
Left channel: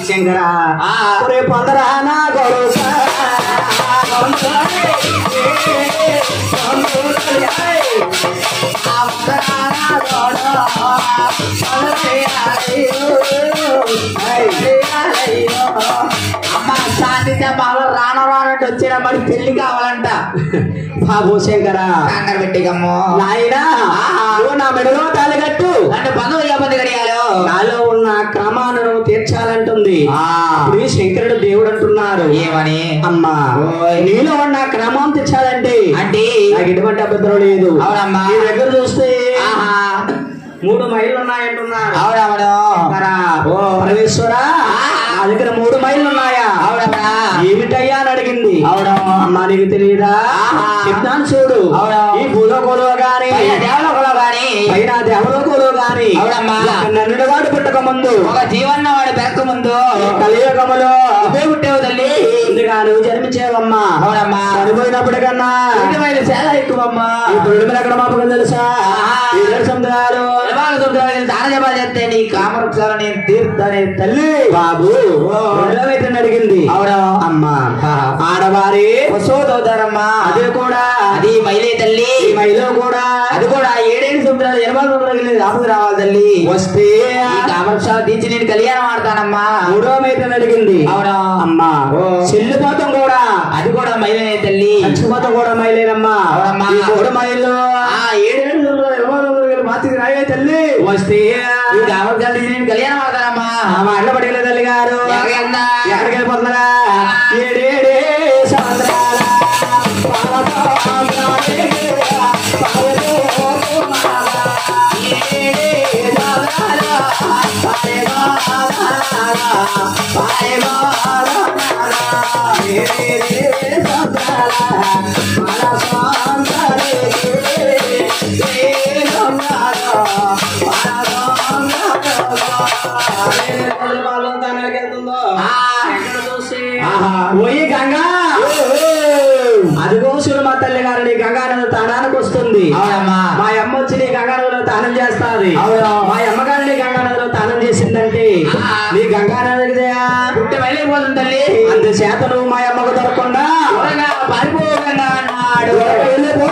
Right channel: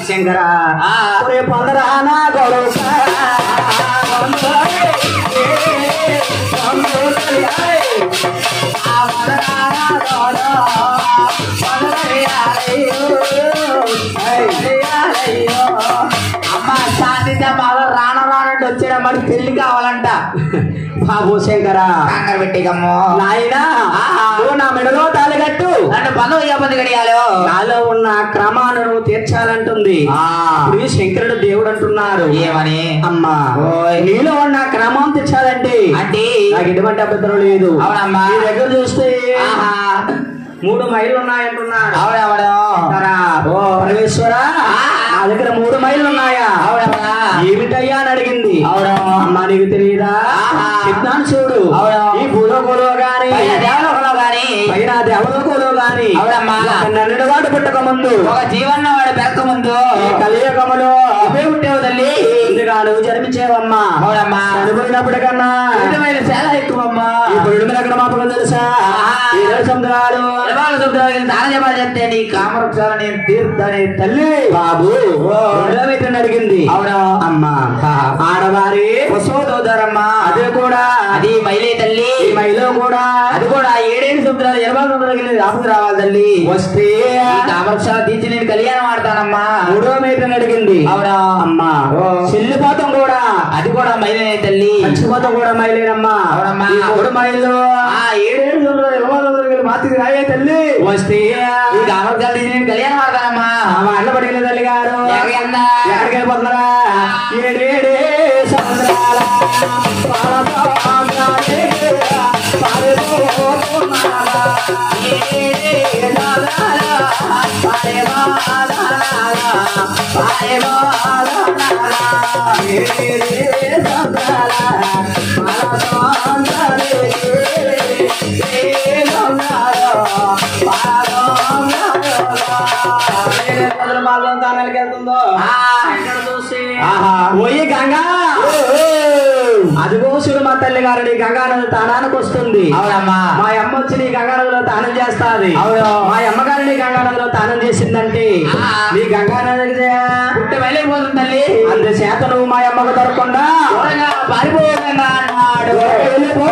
శంకరా పొందరా నా గొడవ అమ్మ సాధిత బాగా రాను రానంటే వచ్చిన మరి పెళ్లి కావాలంట. బాబు శంకరా కంగారు పెట్టికమ్మో నాయనా నా మెడలో తాళి కట్టు అంటే పనులు ఇబ్బంది గడియాలో నాలో ఉన్న క్రమాన్ని నువ్వు తీర్చాలంటుంది. ఇప్పుడు శంకరుడు దేవుడు అంటున్నారు. ఏమని? అమ్మా నీలో ఉన్న క్రమం తెచ్చాలంటే అంటే నాకు ఎటువంటి అభ్యంతరం లేదు. అవునమ్మా నీ దగ్గర చూస్తే 3 మైళ్ళు ఉన్నాయంటున్నారు. అవునవును ఓ పరమేశ్వరా నా దగ్గర 3 మైళ్ళు ఉన్నాయా? అవునమ్మా. ఏమిటయ్యా అని అడిగింది. అవును. అమ్మా నీకు తెలియదా? చెప్తాను చూడు. అవును. ఈ భూలోకంలో గాని దేవలోకంలో గాని పైన దేవలోకంలో గాని అవునమ్మా నన్నుడు వాడు పుట్టక ముందు ఒక జీవన్న వాడు పెరక ముందు కలియుగములో అవే పుట్టేవు తల్లి. ఇందుగా నువ్వు జన్మించేవమ్మా. అవునమ్మా. చనిపోయినప్పుడు కన్నా చాలా ఎక్కువమ్మా. ఇప్పుడు ఎక్కడ మాపకం తెలుసా? సముద్రాలు దాన జపా చేస్తే నీ కామవృక్షాలు నేను తీర్థనే తల్లి. బాబు అడిగింది. అవునా అమ్మా. ఆడవారి వసోదరమ్మా. అది కూడా అది మైలే తల్లి. మైలో కూడా అది కూడా 7 సముద్రాలు 20 సముద్రాలు రాపుకు రావాలి తల్లి. వస్తే కామవృక్షాలు తీర్చి నేను కళ్యాణం ఆడతానమ్మా. 3వ మైత్రిని అడిగింది. అవునా అమ్మా. చెల్లిపోతాం కూడా అది కూడా మైలేనే తల్లి. చచ్చిపోతాం కూడా మైలేనమ్మా. అవునమ్మా. 3 మైళ్ళు 7 సముద్రాలు 20 సముద్రాలు మాతికి రాయే తల్లి. వస్తే ఈ కామవృక్షాలు తీర్చి నేను కళ్యాణం ఆడతానమ్మా. మా అన్న పడిగిన తల్లి గారు ఎక్కడికి వెళ్ళిపోతున్నారా? 7 సముద్రాల వెళ్తుందో పోయి గంగా అదిగో శివమ తల్లి గారు నీ గంగా నది తానానికి వస్తుంది. అవునమ్మా. మా అమ్మ వచ్చి నీ గంగా నదిలో తానం చేస్తాది. మా అమ్మగారు నీ గంగా నదిలో తానం చేసిందంటే నీ గంగా నది పుట్టి వెళ్ళిపోతుంది తల్లి. అందుచేత నువ్వు మా అమ్మకు దొరకకుండా పారిపోకుండా అన్నాడు. వెళ్ళిపో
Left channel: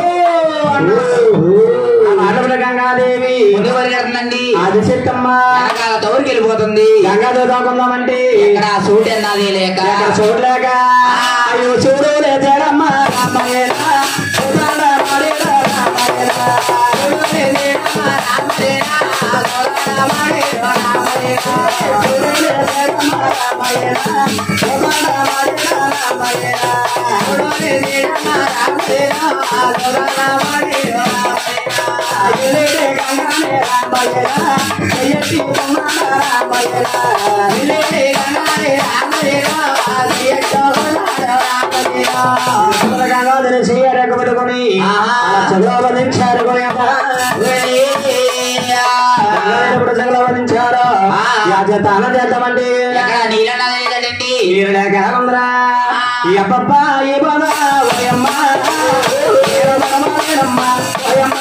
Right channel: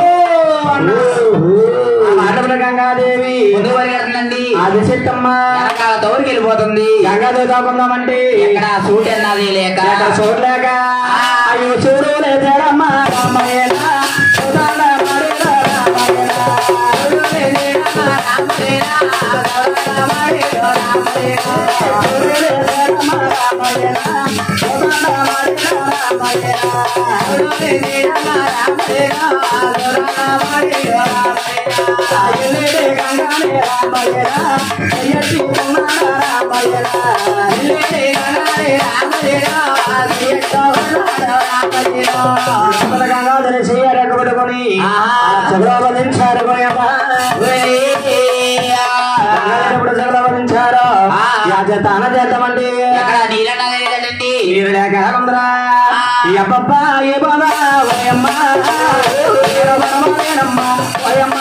అన్నప్పుడు గంగాదేవి ముందు పరిగెడుతుందండి. అది చెత్తమ్మ తోరికి వెళ్ళిపోతుంది. గంగాతో దాకుందామంటే ఇక్కడ సూట్ అన్నది లేక సూట్ లేక అయ్యో చూడు లేదమ్మా రామయ్యనా గంగాధర చెయ్యరకబడుకొని చదవలించారు చదవలించారు తానం చేద్దామండి. నీరు లేక ఎలాగుందిరా ఈ అబ్బబ్బా ఏ బాబా ఓయమ్మ ఓయమ్మ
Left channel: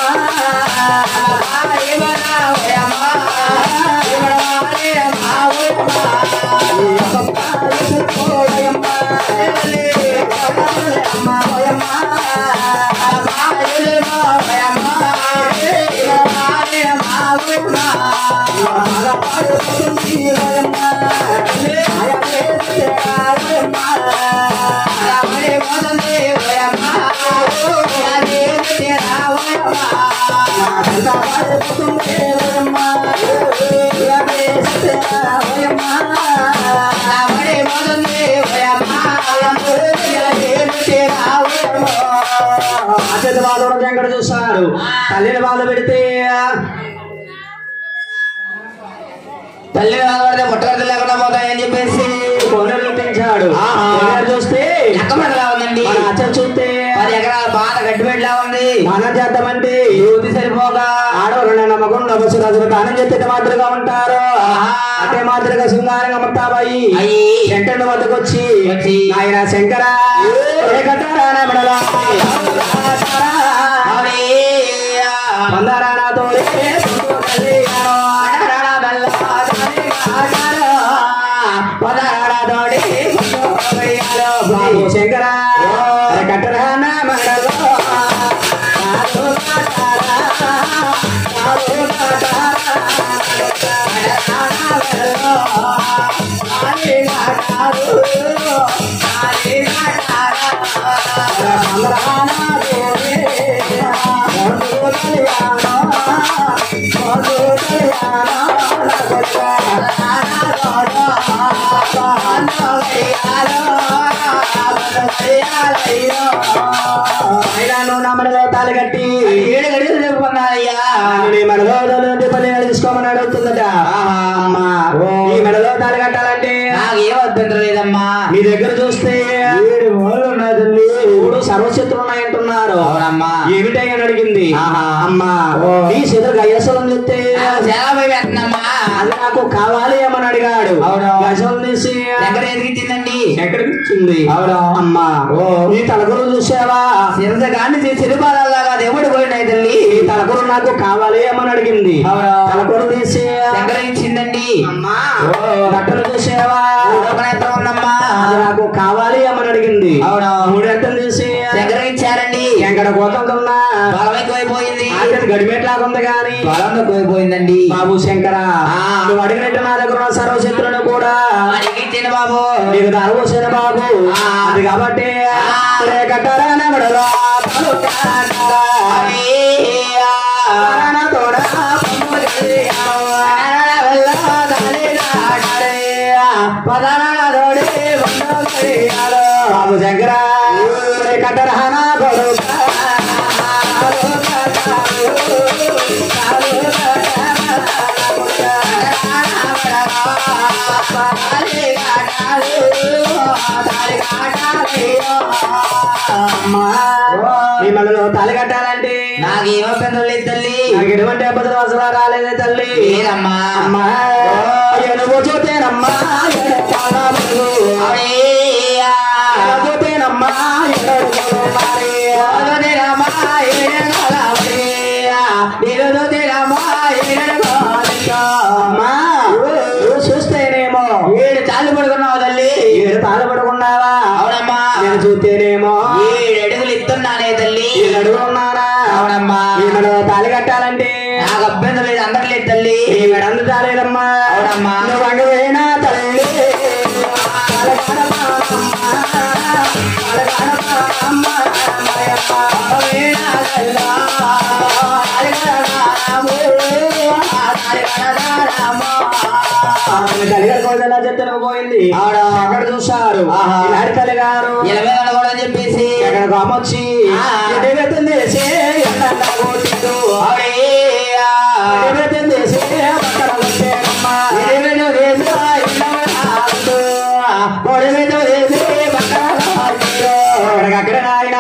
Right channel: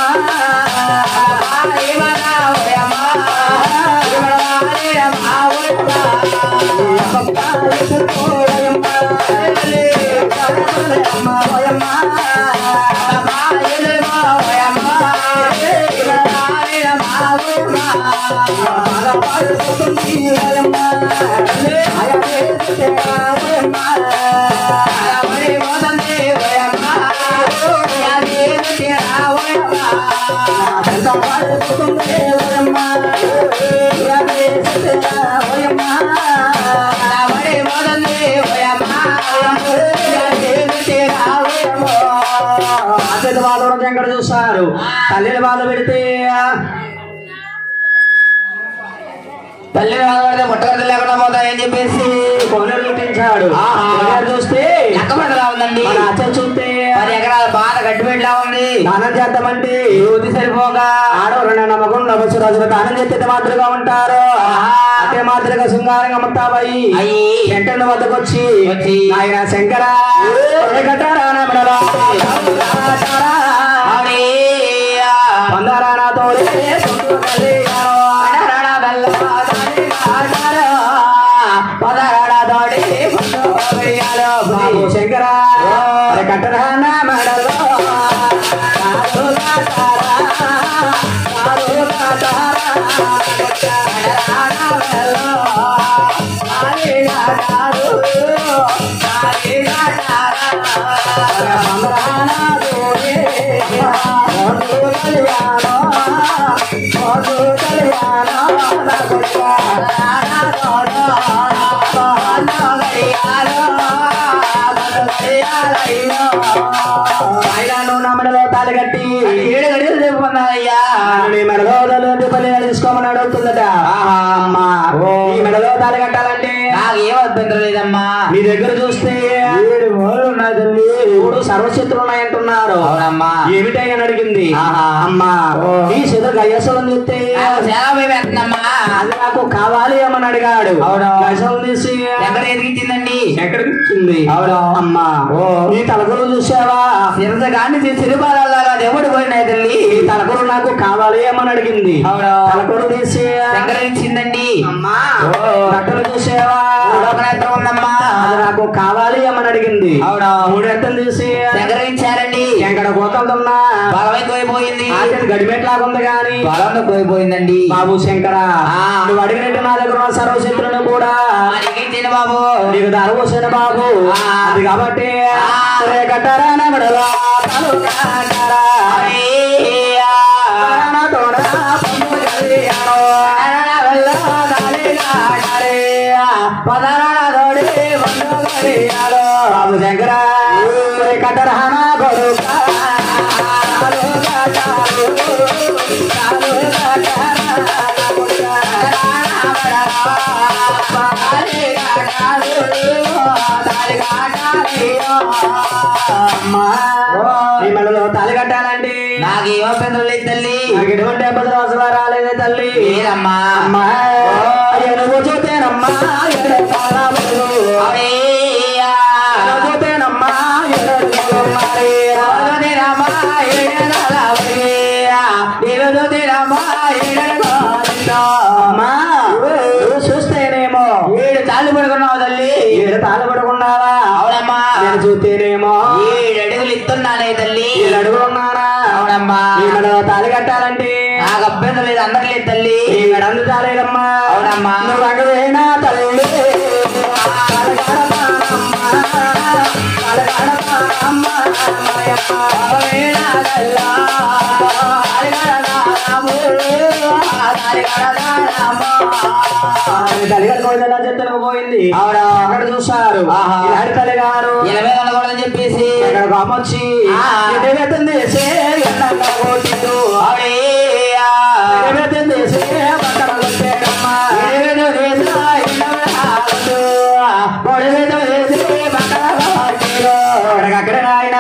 వెంకట చూస్తున్నారు. తల్లిని బాధ పెడితే తల్లిని బాధ పెడితే ముట్టగడ్డలు లేకుండా పోతాయని చెప్పేసి కోనేరు పెంచాడు. చూస్తే ఎక్కమడలా ఉందండి. అచ్చ చూస్తే 10 ఎకరాల బాధ గట్టిపెట్లా ఉంది. దానం చేద్దామంటే యువతి సరిపోగా ఆడవాళ్ళు నమ్మకం నమ్మసు రాజులు దానం చేస్తే మాదిరిగా ఉంటారు. అదే మాదిరిగా శృంగారంగా ముత్తాబాయి శంకరుని వద్దకు వచ్చి ఆయన శంకర శంకర కట్టరానా మడలో మెడలో తాళి కట్టి 7 గడియలు చెప్పుకున్నాయ్యా. మెడలో పల్లెలు తీసుకోమని అడుగుతుందట. ఈ మెడలో తాళి కట్టాలంటే నాకేం అభ్యంతరం లేదమ్మా. నీ దగ్గర చూస్తే 7 మూలలు ఉన్నాయి తల్లి, 3 సర్వశక్తులు ఉన్నాయంటున్నారు. అవునమ్మా. ఏమిటని అడిగింది. అమ్మా నీ చేతులు గయ్యసోలను చూస్తే చాలా భయమేస్తుందమ్మా. అది నాకు కావాలి ఏమని అడిగాడు. అవును. గజలు తీసి ఎక్కడ ఎదిగించిందండి? ఎక్కడికి ఇచ్చింది? అవును. అమ్మా నీ తలకులు చూసావా? సిరసగాన్ని సిరిపాలలాగా దేవుడు పోయినాయి తల్లి. ఈ తలకులు నాకు కావాలి ఏమని అడిగింది. అవును. తలకులు తీసి ఎక్కడ ఇచ్చిందండి. అమ్మా బట్టలు చూసావా? నేత్రం ఉందమ్మా. అది నాకు కావాలి ఏమని అడిగింది. అవును. 3 ఎత్తలు తీసి ఎక్కడ ఇచ్చారండి. ఎక్కడ కోతలున్నా బలం ఎక్కువైపోయింది. గడిమెట్లాగా ఉంది కానీ బలం ఎక్కువైపోయిందండి. బాబు శంకర నువ్వు అడిగినట్టు నా దగ్గర ఉన్న సర్వశక్తులను కూడా అడిగిన బాబు నీకు దారవోసిన బాబు. అది కాబట్టి కట్టారా బాబు శంకర కట్టరహనా కొడుక మళ్ళీ తాళి కట్టాలంటే నాకు ఏ అభ్యంతరం లేదు తల్లి. నాకు ఎటువంటి అభ్యంతరం అసలు రాలేదే తల్లి. అమ్మా నువ్వు చూతేనమ్మా పోతేనమ్మా చూస్తేనేమో 7 తాళ్ళు పడుకున్నావు తల్లి. 7 తాళ్ళు పడుకున్నావా? అవునమ్మా. నేను చూస్తేనేమో 7 అడుగులు ఇస్తున్నానే తల్లి. 7 అడుగులు ఉన్నారా? అవునమ్మా. తాళి కట్టాలంటే నాకు అభ్యంతరం లేదు, అందరు లేదు తల్లి. అందు తాలేదమ్మా. అవునమ్మా. నువ్వు అంగవేనా తల్లి తల్లిగారు చెత్తను పోయింది. అక్కడ చూస్తారు తల్లి గారు కూడా చెప్పేసి అక్కడ గొప్పొచ్చి పక్కన కొట్టేనమ్మా అక్కడ ఆయన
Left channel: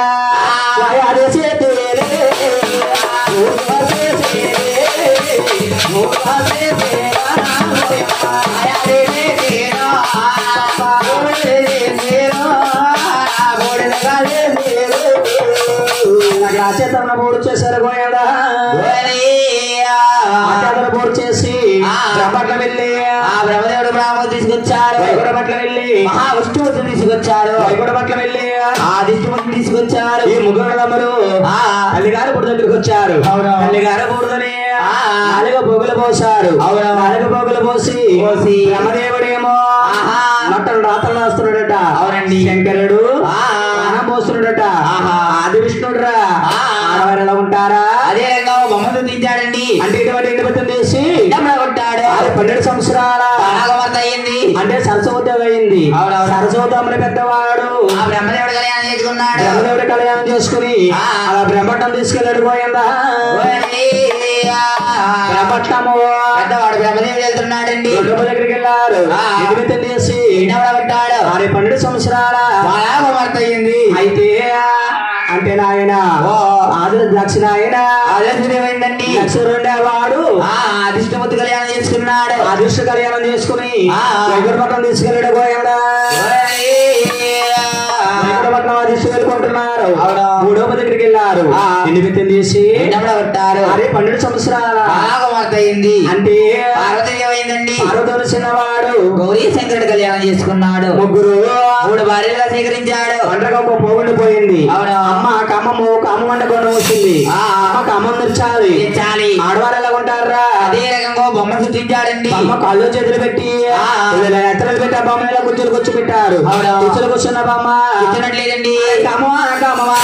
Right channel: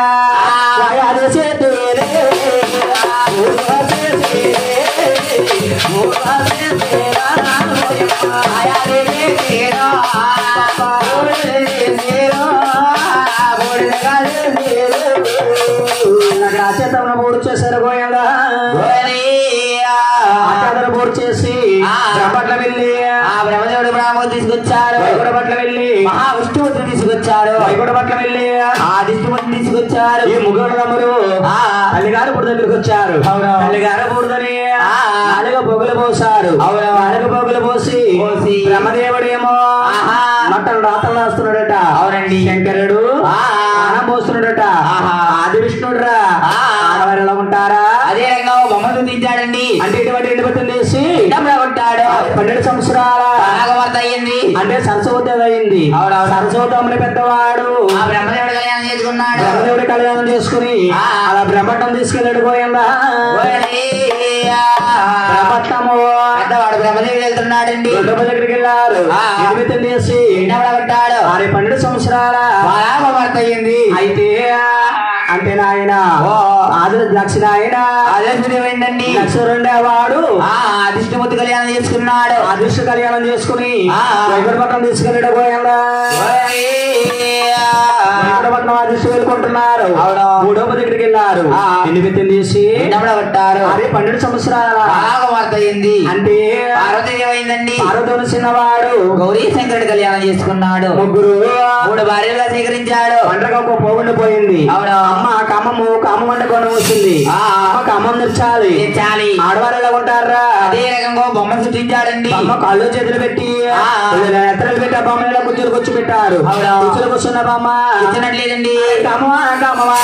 చేతన బోర్డు చేశారు గోయడా బోర్డు చేసి బ్రహ్మట్ల వెళ్ళి ఆ బ్రహ్మదేవుడు బ్రాహ్మణుడు తీసుకొచ్చారు. వైగుడ పట్ల వెళ్ళి మహావిష్ణుమూర్తిని తీసుకొచ్చారు. వైగుడ పట్ల వెళ్ళి ఆ విష్ణుమూర్తిని తీసుకొచ్చారు. ఈ ముగ్గురు తమ్ముడు తల్లిగారు బుడి దగ్గరికి వచ్చారు. తల్లిగారు బుడిదని 4 పోగులు పోసారు. 4 పోగులు పోసి బ్రహ్మదేవుడేమో నట్టలు రాతలు రాస్తున్నాడట. అవునండి. శంకరుడు పోస్తున్నాడట. ఆది విష్ణుడురా ఆడవారు ఎలా ఉంటారా? అదే రంగా బొమ్మలు తీశాడండి. అంటే ఇటువంటి ఎండిపోతుంది చేసి ఉంటాడు. 12 సంవత్సరాల అయింది. అంటే సరస్వతి అయింది. సరస్వతి పెద్దవాడు ఆ బ్రహ్మదేవుడు కళ్యాణం చేసుకున్నాడు. బ్రహ్మదేవుడు కళ్యాణం చేసుకుని అలా బ్రహ్మటం తీసుకెళ్ళాడు. పోయిందా బ్రహ్మటము పెద్దవాడు బ్రహ్మదేవుడు వెళ్తున్నాడండి. దగ్గరికి వెళ్ళారు. చేసి పెట్టాడు. 12 సంవత్సరాల అయింది. అయితే అంటే నాయన దక్షిణ ఆయన అదేంటండి లక్ష్మణుడేవాడు అధిష్ఠమూర్తి కళ్యాణం చేసుకున్నాడు. అధిష్ట కళ్యాణం చేసుకుని వైకుంఠపట్నం తీసుకెళ్ళాడు. గోయండా వైకుంఠపట్నం అధిష్ట వెళ్ళుకుంటున్నారు. 3వ దగ్గరికి వెళ్ళారు. ఎన్ని తీసి పెట్టారు. అదే 12 సంవత్సరాల అయింది. అంటే పార్వతీయమైందండి. పార్వతి చిన్నవాడు గౌరీ శంకరుడు కళ్యాణం చేసుకున్నాడు. 3 భార్యలుగా స్వీకరించాడు. ఒంటరిగా ఒక పోగుండి పోయింది. అవును. అమ్మ కామము కామం అంటే కొన వచ్చింది. అమ్మ కామం తెచ్చాలి. ఆడవారు ఎలా ఉంటారా? అదే రకంగా బొమ్మ సృష్టించారండి. అమ్మ కాళ్ళు చేతులు పెట్టి ఎత్తలు పెట్టి ఆ బొమ్మను ఇలా కూర్చొని కూర్చో పెట్టారు. కూర్చొని కూర్చున్న బొమ్మ ఇచ్చినట్లేదండి. కామవా కామవా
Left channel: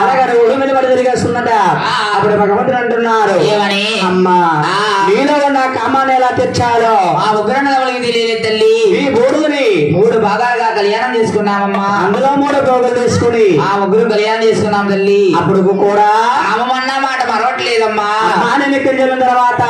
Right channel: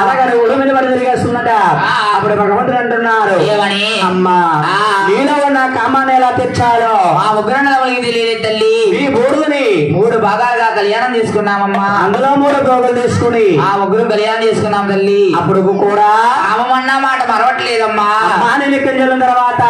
అలాగే ఉడుమిని పడి తిరిగేస్తున్నట. అప్పుడు భగవంతుడు అంటున్నారు ఏమని? అమ్మా నీలో ఉన్న ఎలా తెచ్చాలో ఆ ముగ్గురన్నదములకి తెలియదు తల్లి. ఈ బూడుని 3 భాగాలుగా కళ్యాణం చేసుకున్నామమ్మా. అందులో 3 భోగులు తీసుకుని ఆ ముగ్గురు కళ్యాణం చేసుకున్నాం తల్లి. అప్పుడు కూడా రామమన్న మాట మరవట్లేదమ్మా. నేను కింజల తర్వాత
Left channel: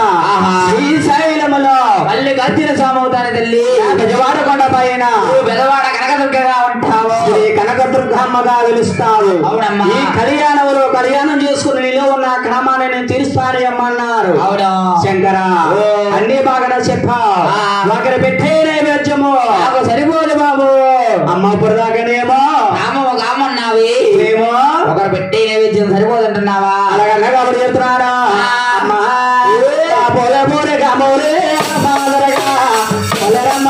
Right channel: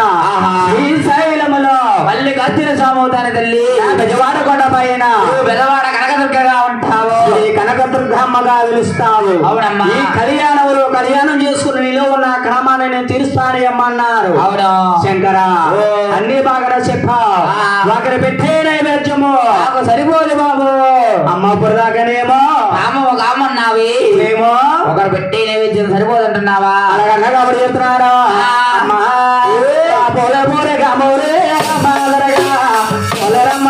శ్రీశైలములో మళ్ళీ గర్జన సామవుతాను తల్లి. గజవాడ కొండ పైన బెదవాడ కనకదుర్గగా ఉంటావు, కనకదుర్గమ్మగా పిలుస్తావు. అవునమ్మా. ఈ కళ్యాణంలో కళ్యాణం చేసుకుని నీలో ఉన్న క్రమాన్ని నేను తీరుస్తాను అమ్మన్నారు. అవును శంకర, అన్ని బాగా చెప్పావు. ఒకరు పెట్టే నైవేద్యము నాకు సరిపోదు బాబు. అమ్మ ఇప్పుడు దాకానేమో రామ ఒక అమ్మన్నావి, ఏమో ఒకరు పెట్టే నైవేద్యం సరిపోదంటున్నావా? అలాగన్నా కాబట్టి చెప్తున్నారా అమ్మా. పోలే పోలే కామోలే మాదరగా పొలరమ్మ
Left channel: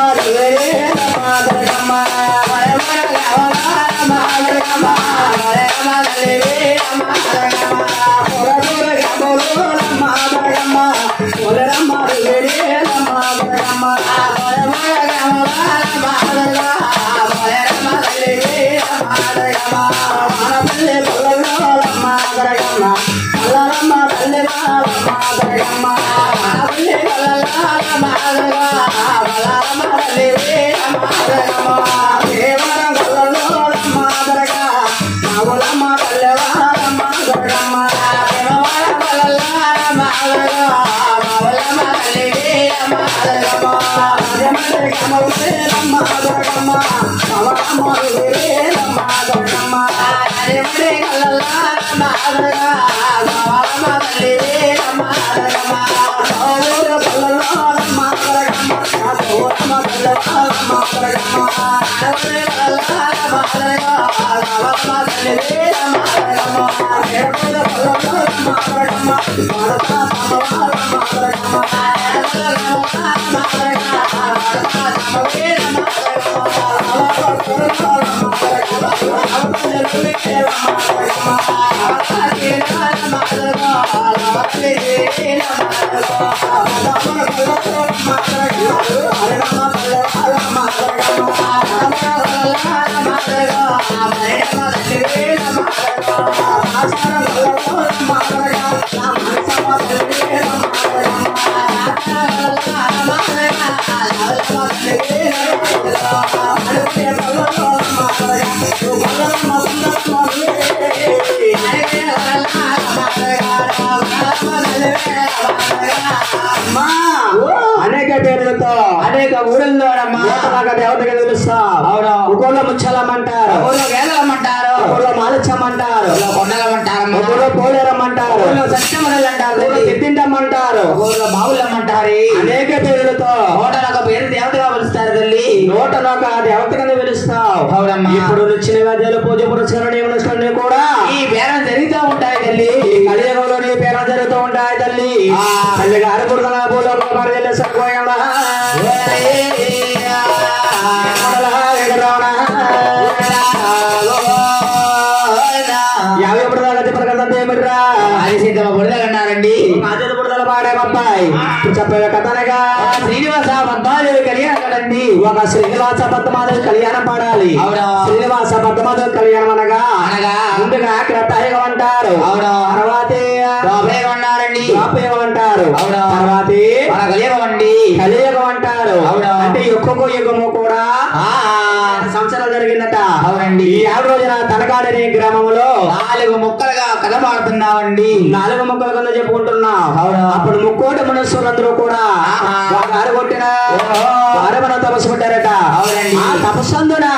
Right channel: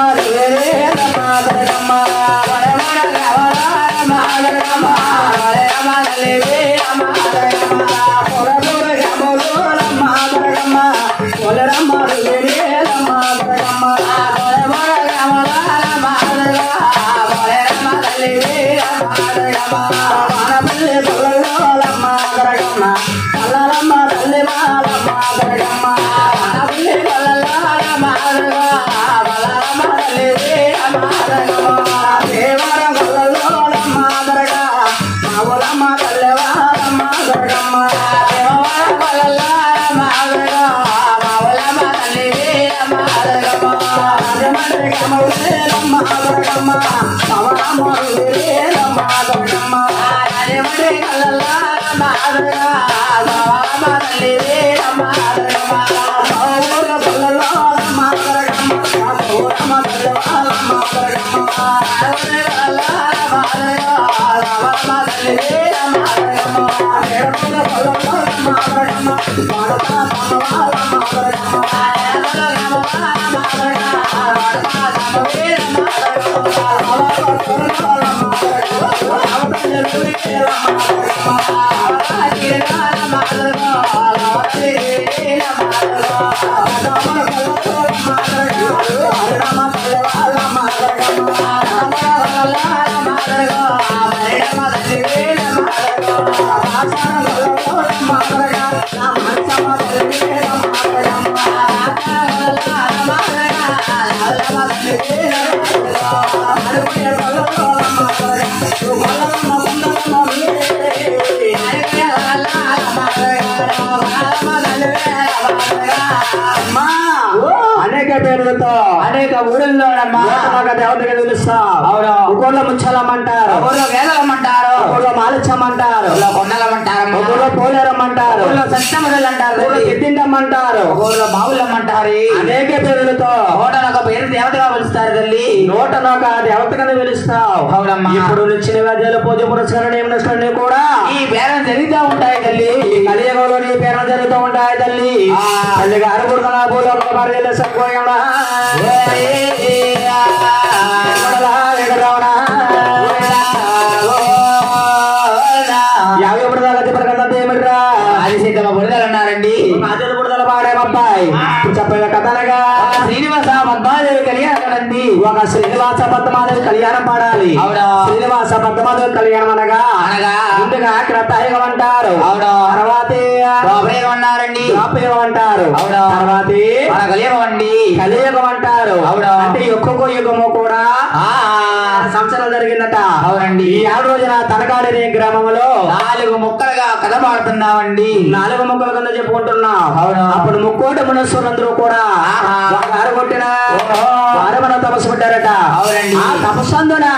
మాదరగమ్మ అనేక పేర్లతో అనేక ఊళ్ళలో దేవతగా పిలుస్తాం. అవును, ఊళ్ళో ముచ్చలమ్మంటారు, ఊళ్ళో వేలమ్మంటారు, ఊళ్ళో మాలిచ్చమ్మంటారు, కొండలమ్మంటారు, ఊళ్ళో పోలేరమ్మంటారు, ఊళ్ళో సత్యమడలు అంటారు, ఊళ్ళో ఎద్దిండమ్మంటారు, ఊళ్ళో బావులమ్మంటారు. అనేక పేర్లతో నోటనొక పేరు దేవతగా పిలుస్తారు తల్లి. నోటనొక దేవతగా పిలుస్తావు. అవునమ్మా. ఇప్పుడు ఇచ్చిన వ్యాధ్యాలు పూజ పురస్కారం ఏమన్నా కూడా ఈ పేరం జరుగుతూ ఉంటాయి తల్లి. కలియుగంలో నీ పేరం జరుగుతూ ఉంటాయి తల్లి. తల్లి గారు పుడుతున్నా భూలోక సరిపోయిందా యాభై బుడదలు ఏమిట్రా అది సిద్ధమ బుడదలు అన్నారండి. ఆచరణ బుడదలు పాడేమబ్బాయి ఇప్పుడు చెప్పగా కథనగా శ్రీనివాస పద్మాదేవి కళ్యాణం కదండి. ఒక శ్రీనివాస పద్మాదేవి కళ్యాణం పాడాలి. అవును, శ్రీనివాస పద్మాదేవి కళ్యాణం అనగా ముందుగా క్రతాయుగం అంటారు. అవును, తర్వాతే ద్వాపరయుగం అన్నారండి. ద్వాపరయుగం అంటారు. అవును, తర్వాతే కలియుగం అండి. కలియుగం అంటారు. అవును, అంటే ఒక్కొక్క యుగము కూడా సంవత్సరాలు జరిగిందట. అవునండి. ఈ 7 రోజున తనకాడనే గ్రామంలో 4 ముక్కలుగా కథ పాడుతున్నామండి. 4 ముక్కల కింద చెప్పుకుంటున్నాం. అవును, అప్పుడు ముక్కోటి మనుషులందరూ కూడా వారు కొట్టిన వారు మనం తపస్సు పెట్టారట. అవునండి. ఆ తపస్సు అందున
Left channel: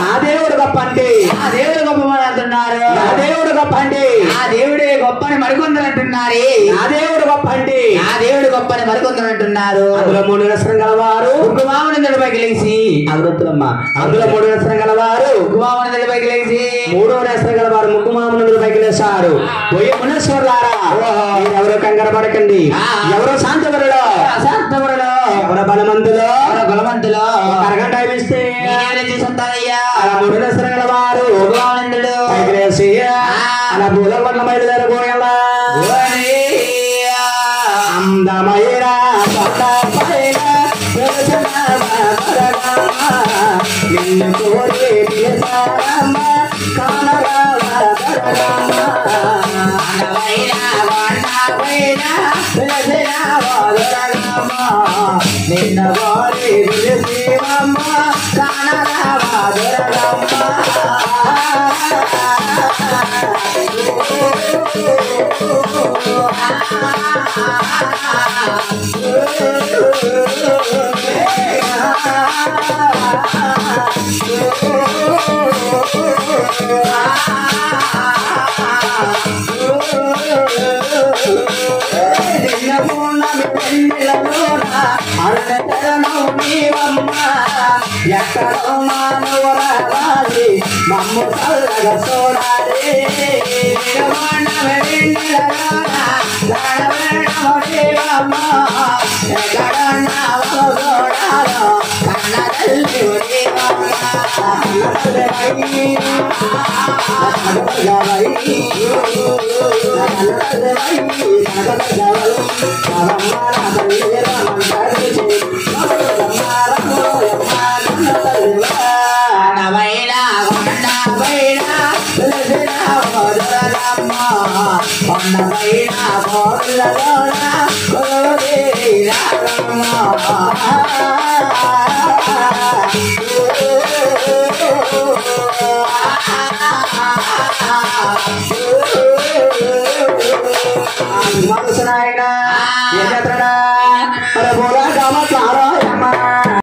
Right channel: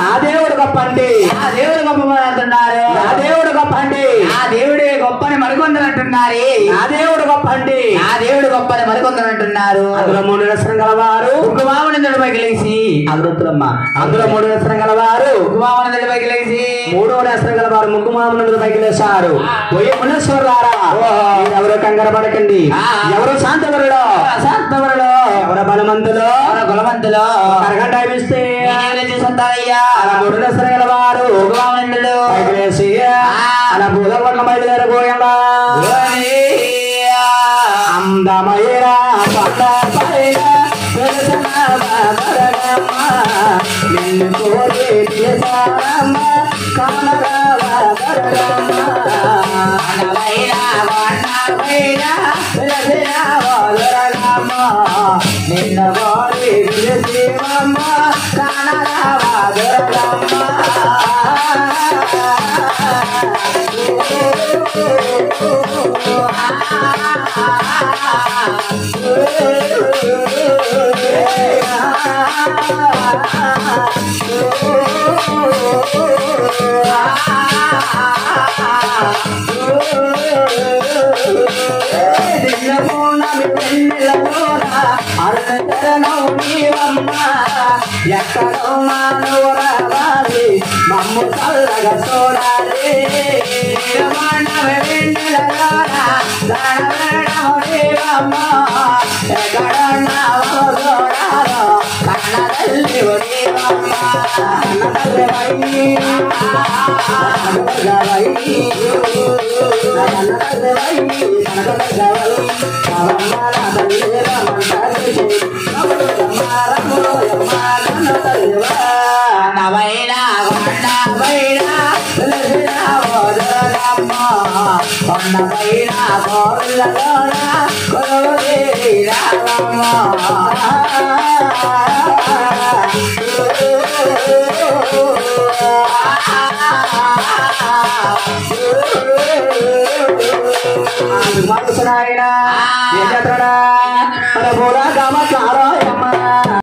నా దేవుడు గొప్ప అండి, నా దేవుడు గొప్ప అంటున్నారు. నా దేవుడు గొప్ప అండి, నా దేవుడే గొప్పని మరికొందరంటున్నారు. నా దేవుడు గొప్ప అండి, నా దేవుడు గొప్పని మరికొందరంటున్నారు. అందులో 3 నస్త్రం గలవారు కుమారుని పైకి లేచి అదృతులమ్మ. అందులో 3 నస్త్రం గలవారు కుమారుని పైకి లేచి 3వ నస్త్రం గలవారు ముక్కుమాముని పైకి లేచారు. పోయి మునేశ్వరులారా ఎవరు కంగారు పడకండి, ఎవరు శాంతవరులో శాంతవరులో, ఎవరు బలవంతులో బలవంతులో అరగంట ఇస్తే 3 నస్త్రం గలవారు కుమారులు పైకి లేచి అలా భూలకొండ బయలుదేరబోయాడా. అందమైన పట్ట పైన నిన్ను కోరి కానరావా దొరలమ్మ అనవైనా వన్నవైనా వెలసినావా దొరలమ్మ నిన్న గోరి విలసివమ్మ కానరావా దొరలమ్మ ఎక్కడో మానవ రావాలి మమ్ము చల్లగా చూడాలి ఎక్కడున్నావో చూడాలో కన్న తల్లి నవైనా కొండపైనా కొండపైనా కోళ్ళగా